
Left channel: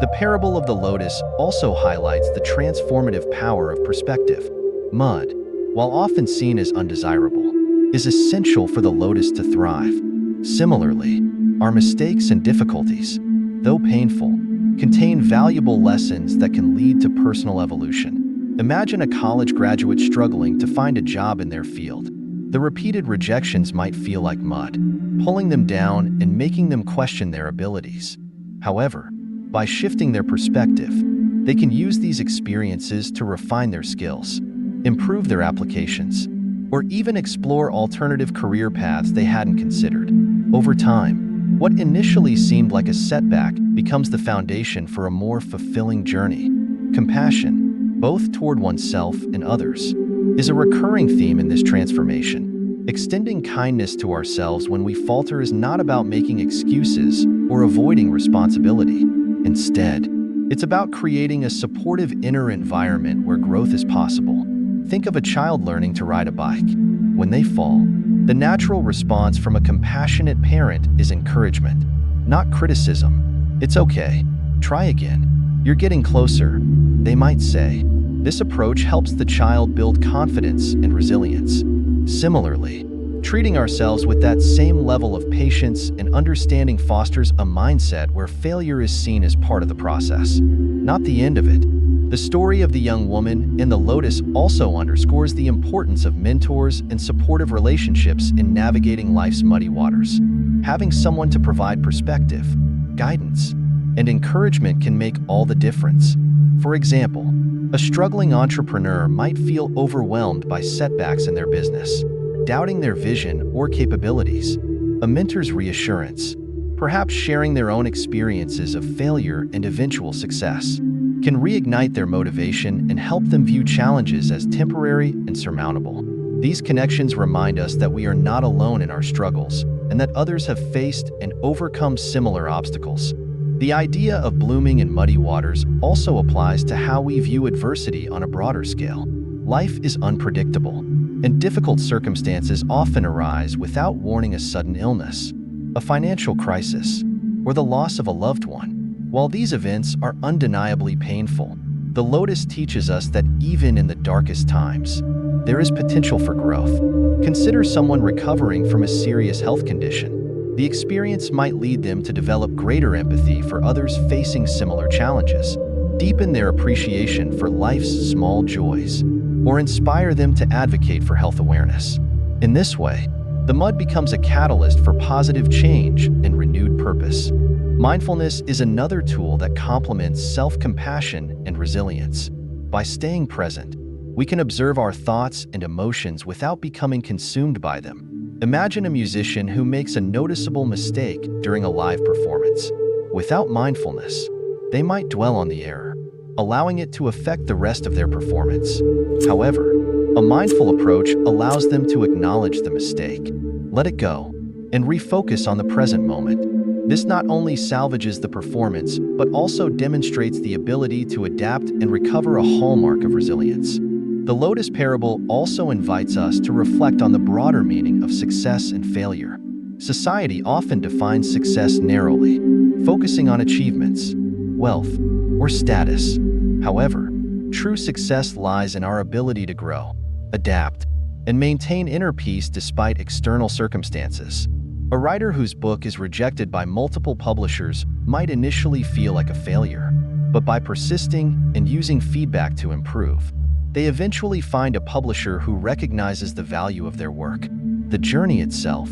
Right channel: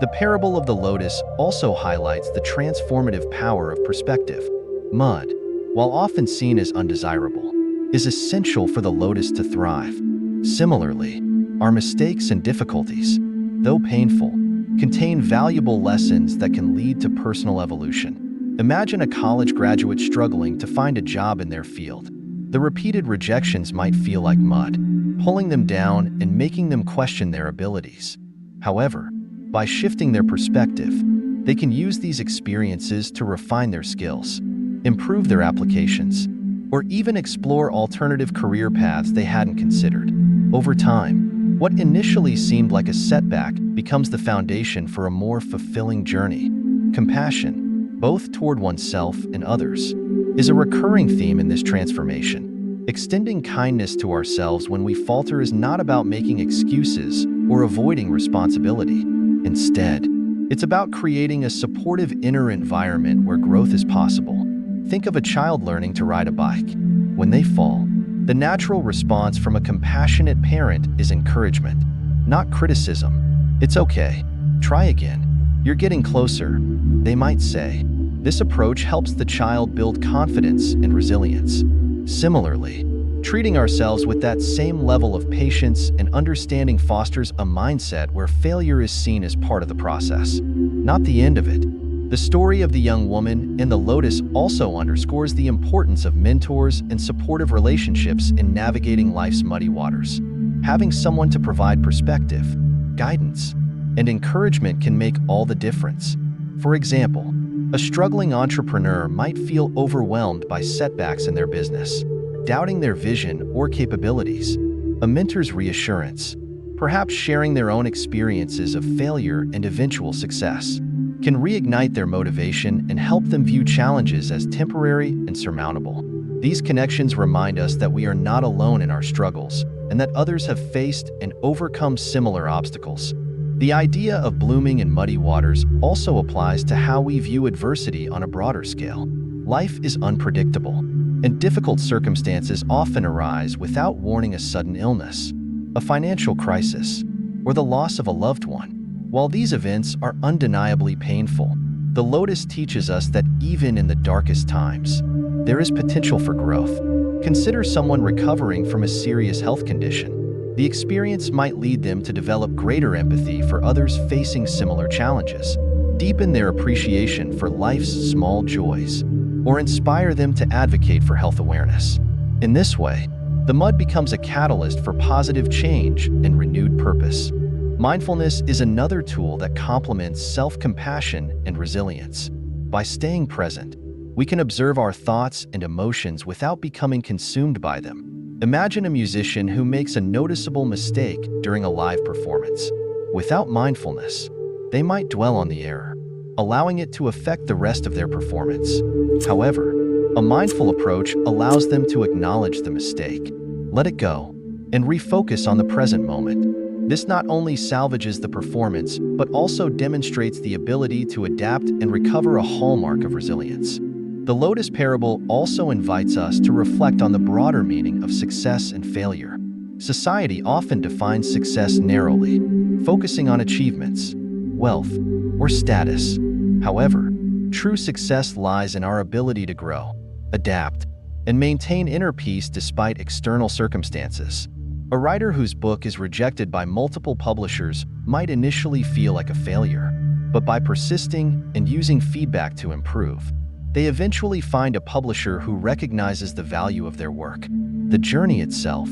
The parable of the lotus also highlights the transformative power of perspective. Mud, while often seen as undesirable, is essential for the lotus to thrive. Similarly, our mistakes and difficulties, though painful, contain valuable lessons that can lead to personal evolution. Imagine a college graduate struggling to find a job in their field. The repeated rejections might feel like mud, pulling them down and making them question their abilities. However, by shifting their perspective, they can use these experiences to refine their skills, improve their applications, or even explore alternative career paths they hadn't considered. Over time, what initially seemed like a setback becomes the foundation for a more fulfilling journey. Compassion, both toward oneself and others, is a recurring theme in this transformation. Extending kindness to ourselves when we falter is not about making excuses or avoiding responsibility. Instead, it's about creating a supportive inner environment where growth is possible. Think of a child learning to ride a bike. When they fall, the natural response from a compassionate parent is encouragement, not criticism. "It's okay. Try again. You're getting closer," they might say. This approach helps the child build confidence and resilience. Similarly, treating ourselves with that same level of patience and understanding fosters a mindset where failure is seen as part of the process, not the end of it. The story of the young woman in the lotus also underscores the importance of mentors and supportive relationships in navigating life's muddy waters. Having someone to provide perspective, guidance, and encouragement can make all the difference. For example, a struggling entrepreneur might feel overwhelmed by setbacks in their business, doubting their vision or capabilities. A mentor's reassurance, perhaps sharing their own experiences of failure and eventual success, can reignite their motivation and help them view challenges as temporary and surmountable. These connections remind us that we are not alone in our struggles and that others have faced and overcome similar obstacles. The idea of blooming in muddy waters also applies to how we view adversity on a broader scale. Life is unpredictable, and difficult circumstances often arise without warning: a sudden illness, a financial crisis, or the loss of a loved one. While these events are undeniably painful, the lotus teaches us that even in the darkest times, there is potential for growth. Consider someone recovering from a serious health condition. The experience might lead them to develop greater empathy for others facing similar challenges, deepen their appreciation for life's small joys, or inspire them to advocate for health awareness. In this way, The mud becomes a catalyst for positive change and renewed purpose. Mindfulness is another tool that complements self-compassion and resilience. By staying present, we can observe our thoughts and emotions without becoming consumed by them. Imagine a musician who makes a noticeable mistake during a live performance. Without mindfulness, they might dwell on the error, allowing it to affect the rest of their performance. However, a mindful approach allows them to acknowledge the mistake, let it go, and refocus on the present moment. This not only salvages the performance, but also demonstrates the ability to adapt and recover, a hallmark of resilience. The Lotus parable also invites us to reflect on the broader meaning of success and failure. Society often defines success narrowly, focusing on achievements, wealth, or status. However, true success lies in our ability to grow, adapt, and maintain inner peace despite external circumstances. A writer whose book is rejected by multiple publishers might initially feel like a failure, but by persisting and using feedback to improve, they eventually find a publisher who recognizes the value of their work. The journey itself,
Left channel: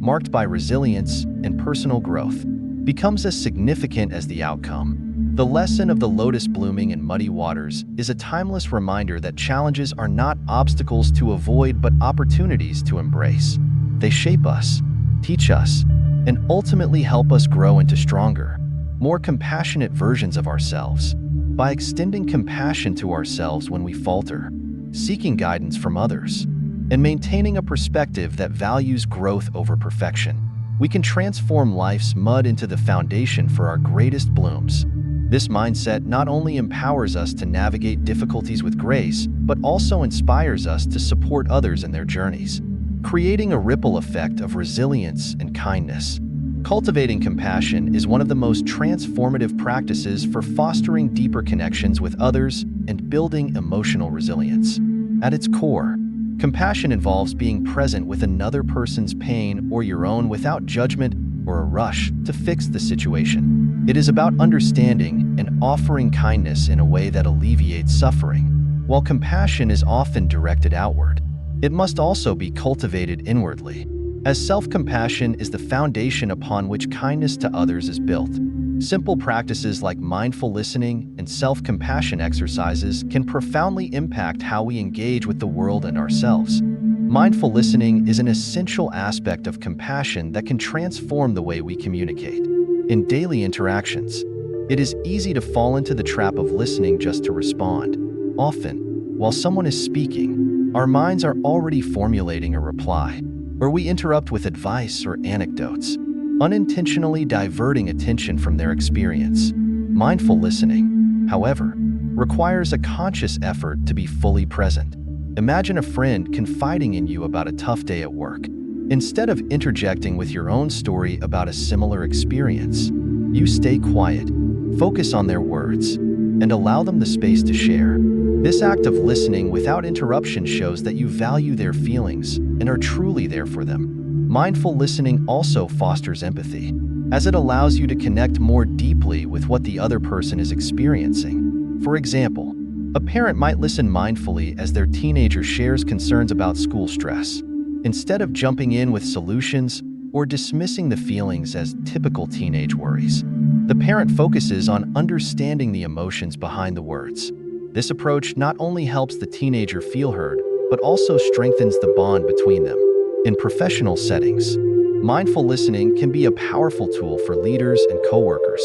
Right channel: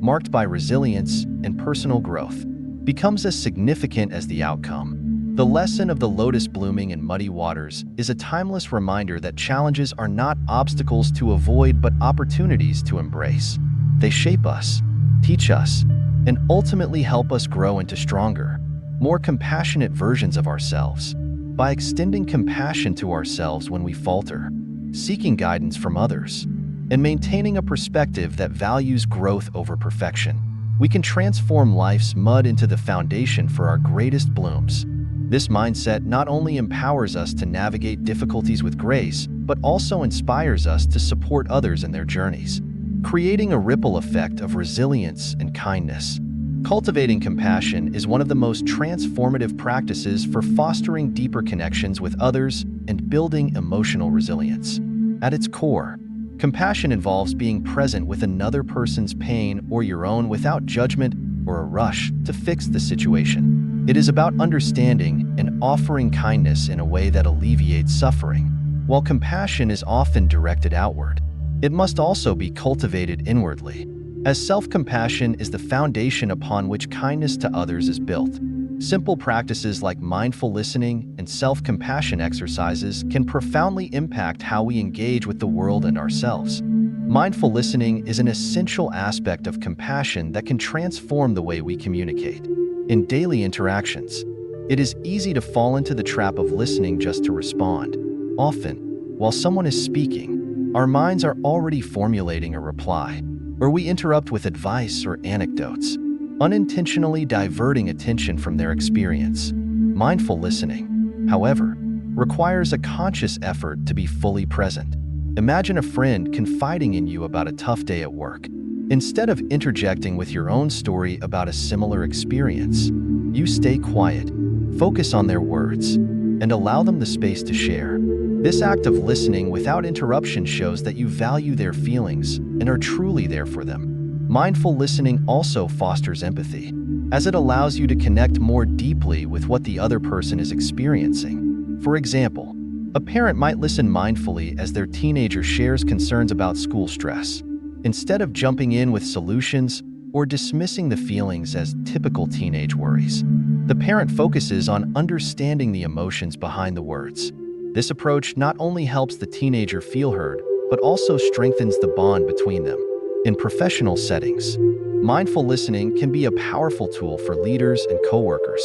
marked by resilience and personal growth, becomes as significant as the outcome. The lesson of the lotus blooming in muddy waters is a timeless reminder that challenges are not obstacles to avoid but opportunities to embrace. They shape us, teach us, and ultimately help us grow into stronger, more compassionate versions of ourselves. By extending compassion to ourselves when we falter, seeking guidance from others, and maintaining a perspective that values growth over perfection, we can transform life's mud into the foundation for our greatest blooms. This mindset not only empowers us to navigate difficulties with grace, but also inspires us to support others in their journeys, creating a ripple effect of resilience and kindness. Cultivating compassion is one of the most transformative practices for fostering deeper connections with others and building emotional resilience. At its core, compassion involves being present with another person's pain or your own without judgment or a rush to fix the situation. It is about understanding and offering kindness in a way that alleviates suffering. While compassion is often directed outward, it must also be cultivated inwardly, as self-compassion is the foundation upon which kindness to others is built. Simple practices like mindful listening and self-compassion exercises can profoundly impact how we engage with the world and ourselves. Mindful listening is an essential aspect of compassion that can transform the way we communicate. In daily interactions, it is easy to fall into the trap of listening just to respond. Often, while someone is speaking, our minds are already formulating a reply, or we interrupt with advice or anecdotes, unintentionally diverting attention from their experience. Mindful listening, however, requires a conscious effort to be fully present. Imagine a friend confiding in you about a tough day at work. Instead of interjecting with your own story about a similar experience, you stay quiet, focus on their words, and allow them the space to share. This act of listening without interruption shows that you value their feelings and are truly there for them. Mindful listening also fosters empathy, as it allows you to connect more deeply with what the other person is experiencing. For example, a parent might listen mindfully as their teenager shares concerns about school stress. Instead of jumping in with solutions or dismissing the feelings as typical teenage worries, the parent focuses on understanding the emotions behind the words. This approach not only helps the teenager feel heard, but also strengthens the bond between them. In professional settings, mindful listening can be a powerful tool for leaders and coworkers.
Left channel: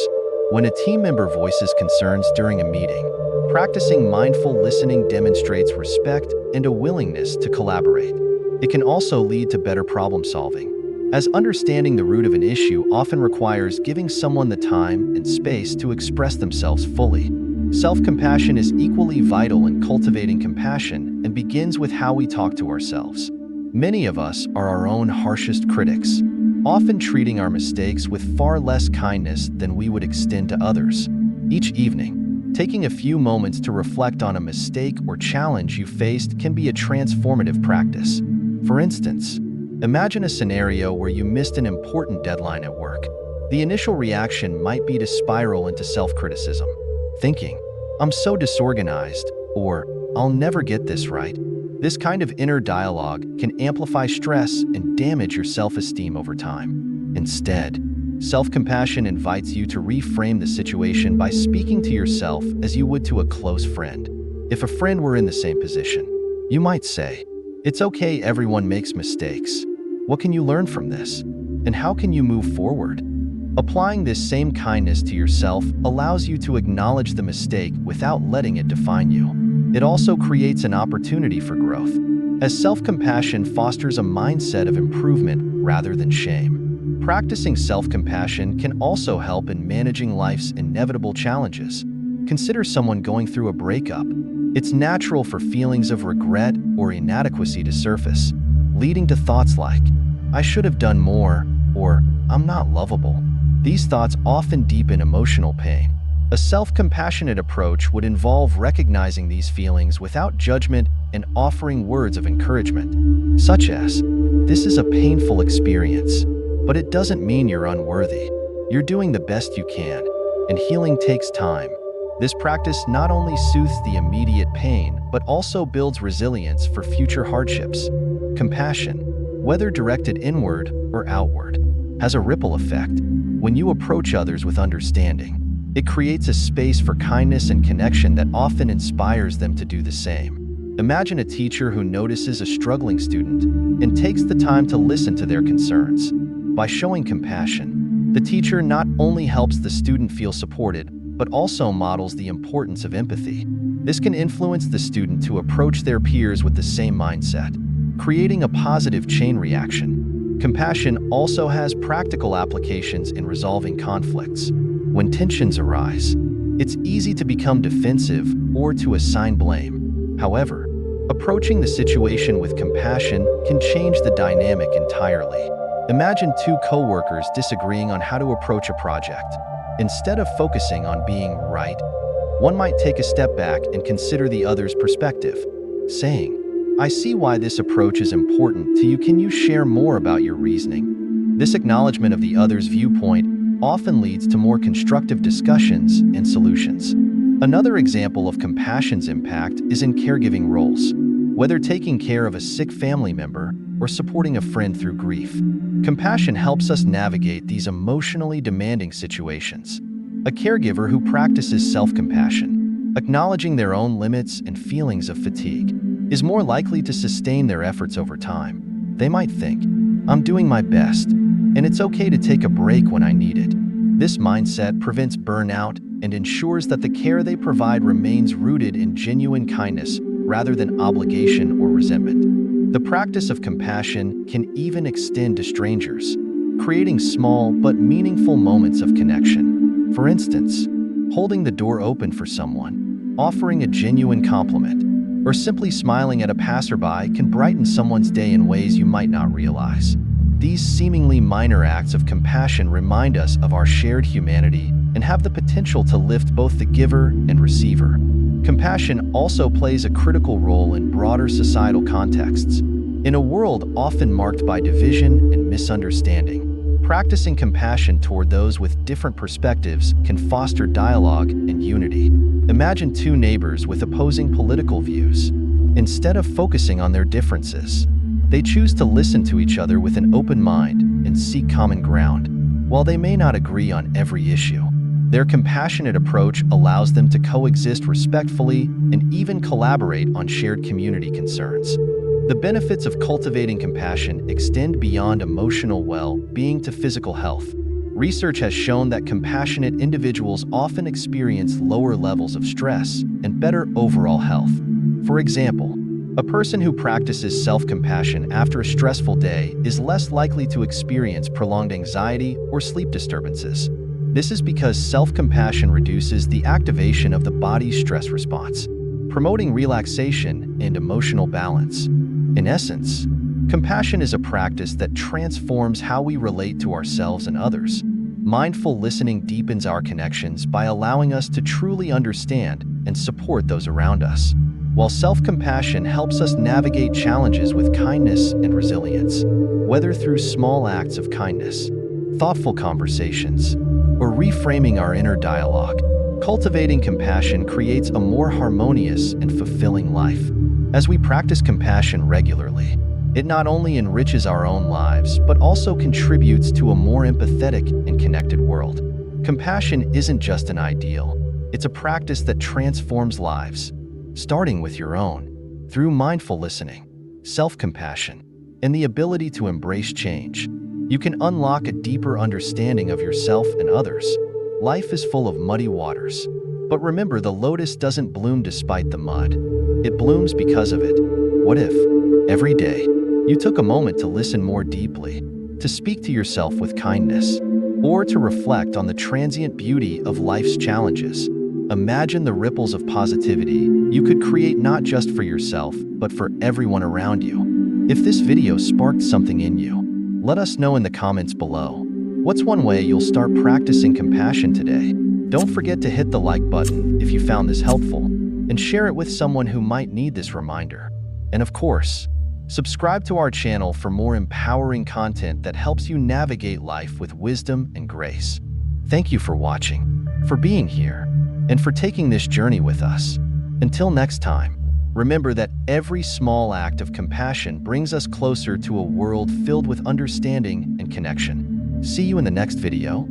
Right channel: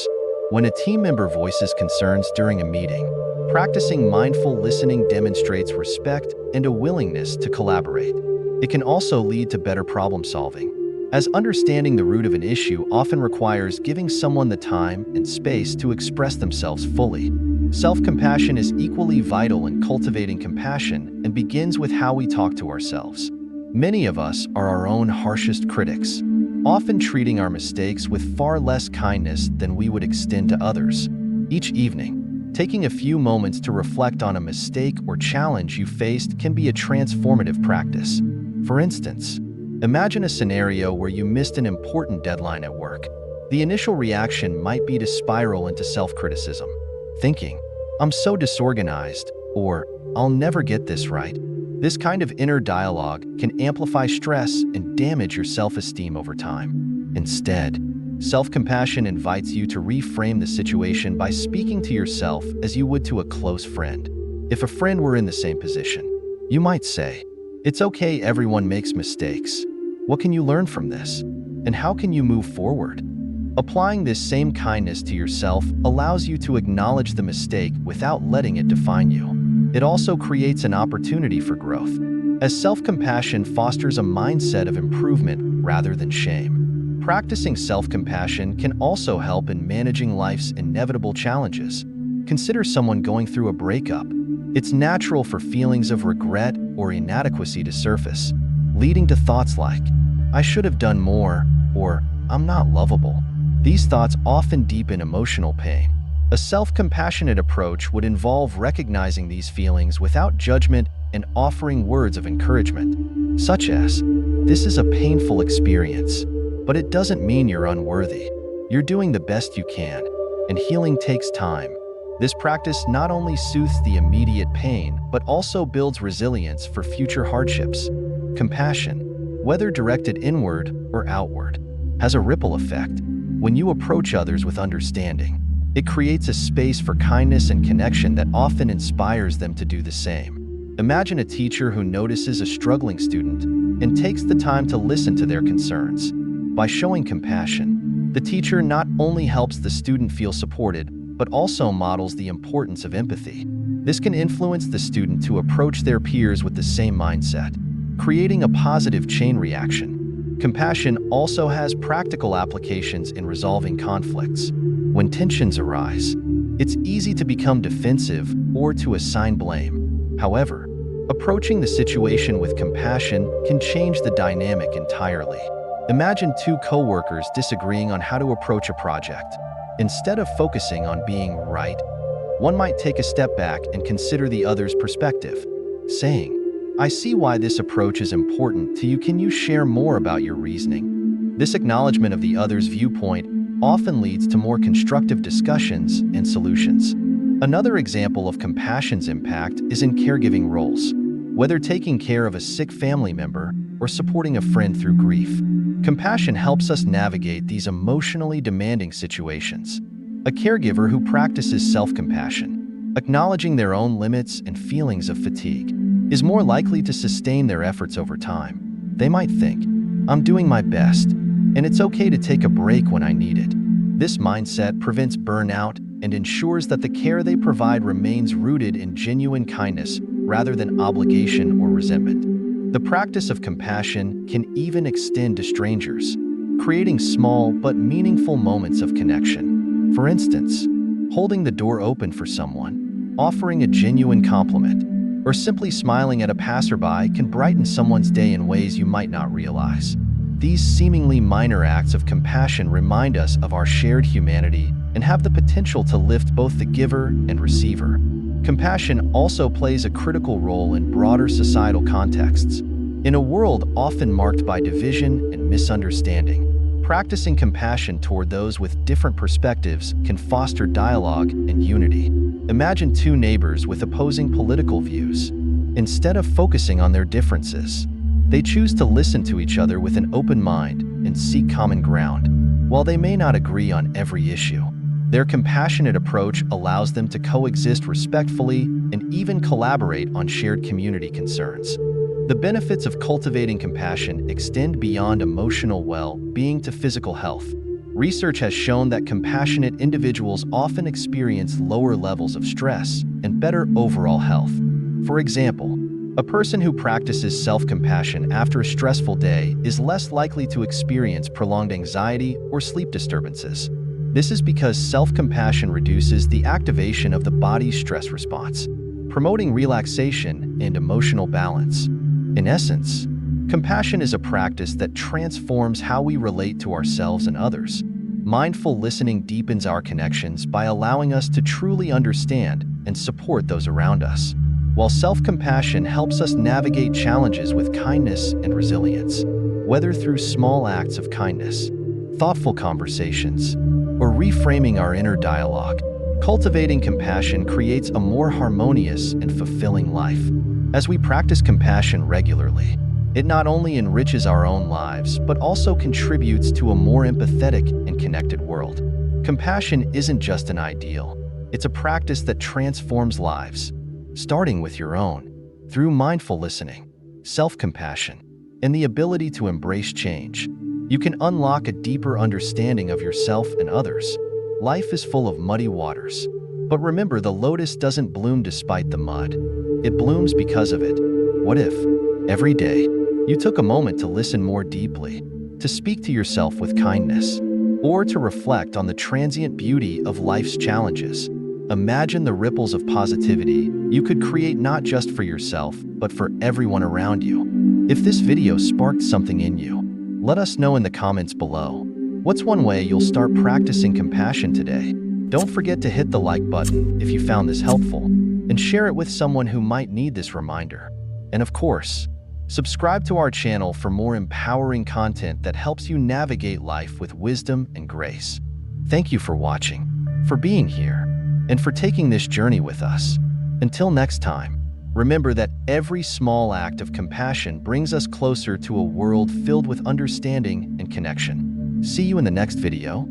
When a team member voices concerns during a meeting, practicing mindful listening demonstrates respect and a willingness to collaborate. It can also lead to better problem solving, as understanding the root of an issue often requires giving someone the time and space to express themselves fully. Self-compassion is equally vital in cultivating compassion and begins with how we talk to ourselves. Many of us are our own harshest critics, often treating our mistakes with far less kindness than we would extend to others. Each evening, taking a few moments to reflect on a mistake or challenge you faced can be a transformative practice. For instance, imagine a scenario where you missed an important deadline at work. The initial reaction might be to spiral into self-criticism, thinking, "I'm so disorganized," or "I'll never get this right." This kind of inner dialogue can amplify stress and damage your self-esteem over time. Instead, self-compassion invites you to reframe the situation by speaking to yourself as you would to a close friend. If a friend were in the same position, you might say, "It's okay, everyone makes mistakes. What can you learn from this? And how can you move forward?" Applying this same kindness to yourself allows you to acknowledge the mistake without letting it define you. It also creates an opportunity for growth, as self-compassion fosters a mindset of improvement rather than shame. Practicing self-compassion can also help in managing life's inevitable challenges. Consider someone going through a breakup. It's natural for feelings of regret or inadequacy to surface, leading to thoughts like, "I should have done more," or "I'm not lovable." These thoughts often deepen emotional pain. A self-compassionate approach would involve recognizing these feelings without judgment and offering words of encouragement, such as, "This is a painful experience, but it doesn't mean you're unworthy. You're doing the best you can, and healing takes time." This practice not only soothes the immediate pain, but also builds resilience for future hardships. Compassion, whether directed inward or outward, has a ripple effect. When you approach others with understanding, it creates a space for kindness and connection that often inspires them to do the same. Imagine a teacher who notices a struggling student and takes the time to listen to their concerns. By showing compassion, the teacher not only helps the student feel supported, but also models the importance of empathy. This can influence the student to approach their peers with the same mindset, creating a positive chain reaction. Compassion also has practical applications in resolving conflicts. When tensions arise, it's easy to become defensive or to assign blame. However, approaching the situation with compassion can change the dynamic entirely. Imagine two co-workers disagreeing on how to approach a project. Instead of focusing on being right, one might take a step back and consider the other's perspective, saying, "I see why this approach is important to you. Can you share more about your reasoning?" This acknowledgement of the other's viewpoint often leads to more constructive discussions and solutions. Another example of compassion's impact is in caregiving roles. Whether taking care of a sick family member or supporting a friend through grief, compassion helps us navigate these emotionally demanding situations. A caregiver who practices self-compassion, acknowledging their own limits and feelings of fatigue, is more likely to sustain their efforts over time. They might think, "I'm doing my best, and it's okay to take a break when I need it." This mindset prevents burnout and ensures that the care they provide remains rooted in genuine kindness rather than obligation or resentment. The practice of compassion can even extend to strangers, creating small but meaningful moments of connection. For instance, holding the door open for someone, offering a genuine compliment, or simply smiling at a passerby can brighten someone's day in ways you might not realize. These seemingly minor acts of compassion remind us of our shared humanity and have the potential to lift both the giver and receiver. Compassion also plays a critical role in broader societal contexts. In a world often marked by division and misunderstanding, practicing compassion toward those with different perspectives can foster dialogue and unity. Imagine two neighbors with opposing political views. Instead of focusing on their differences, they choose to listen to each other with an open mind and seek common ground. While they may not agree on every issue, their compassionate approach allows them to coexist respectfully and even collaborate on shared community concerns. The benefits of cultivating compassion extend beyond emotional well-being to physical health. Research has shown that compassionate individuals often experience lower levels of stress and better overall health. For example, a person who practices self-compassion after a stressful day is less likely to experience prolonged anxiety or sleep disturbances. This is because self-compassion reduces the activation of the body's stress response, promoting relaxation and emotional balance. In essence, compassion is a practice that transforms how we relate to ourselves and others. Mindful listening deepens our connections by allowing us to truly understand and support those around us, while self-compassion helps us navigate challenges with kindness and resilience. Whether through small acts of kindness, thoughtful conversations, or reframing our inner dialogue, cultivating compassion creates a more harmonious and fulfilling life. As we practice compassion regularly, it not only enriches our own lives, but also contributes to a more empathetic and connected world. Compassion isn't just an ideal, it's a practice that transforms lives, starting with your own. Through mindful listening, self-compassion, and the ability to embrace change, you can unlock a deeper understanding of yourself and others. Life is full of muddy waters, but remember, the lotus doesn't bloom despite the mud. It blooms because of it. What if, every day, you took a moment to listen more deeply, to speak to yourself with kindness, or to reflect on the transient beauty of life's challenges? Imagine the ripples of positivity you could create, not just for yourself, but for everyone around you. If this video sparked something in you, let us know in the comments below. What's one way you'll start practicing compassion today? Don't forget to hit the like button if you found this helpful, and share it with someone who might need this reminder. And of course, subscribe to our channel for more empowering content that helps you navigate life with wisdom and grace. Thank you for watching, for being here, and for taking this journey with us. Until next time, remember that every small act of compassion brings us closer to a world filled with understanding and connection. See you in the next video.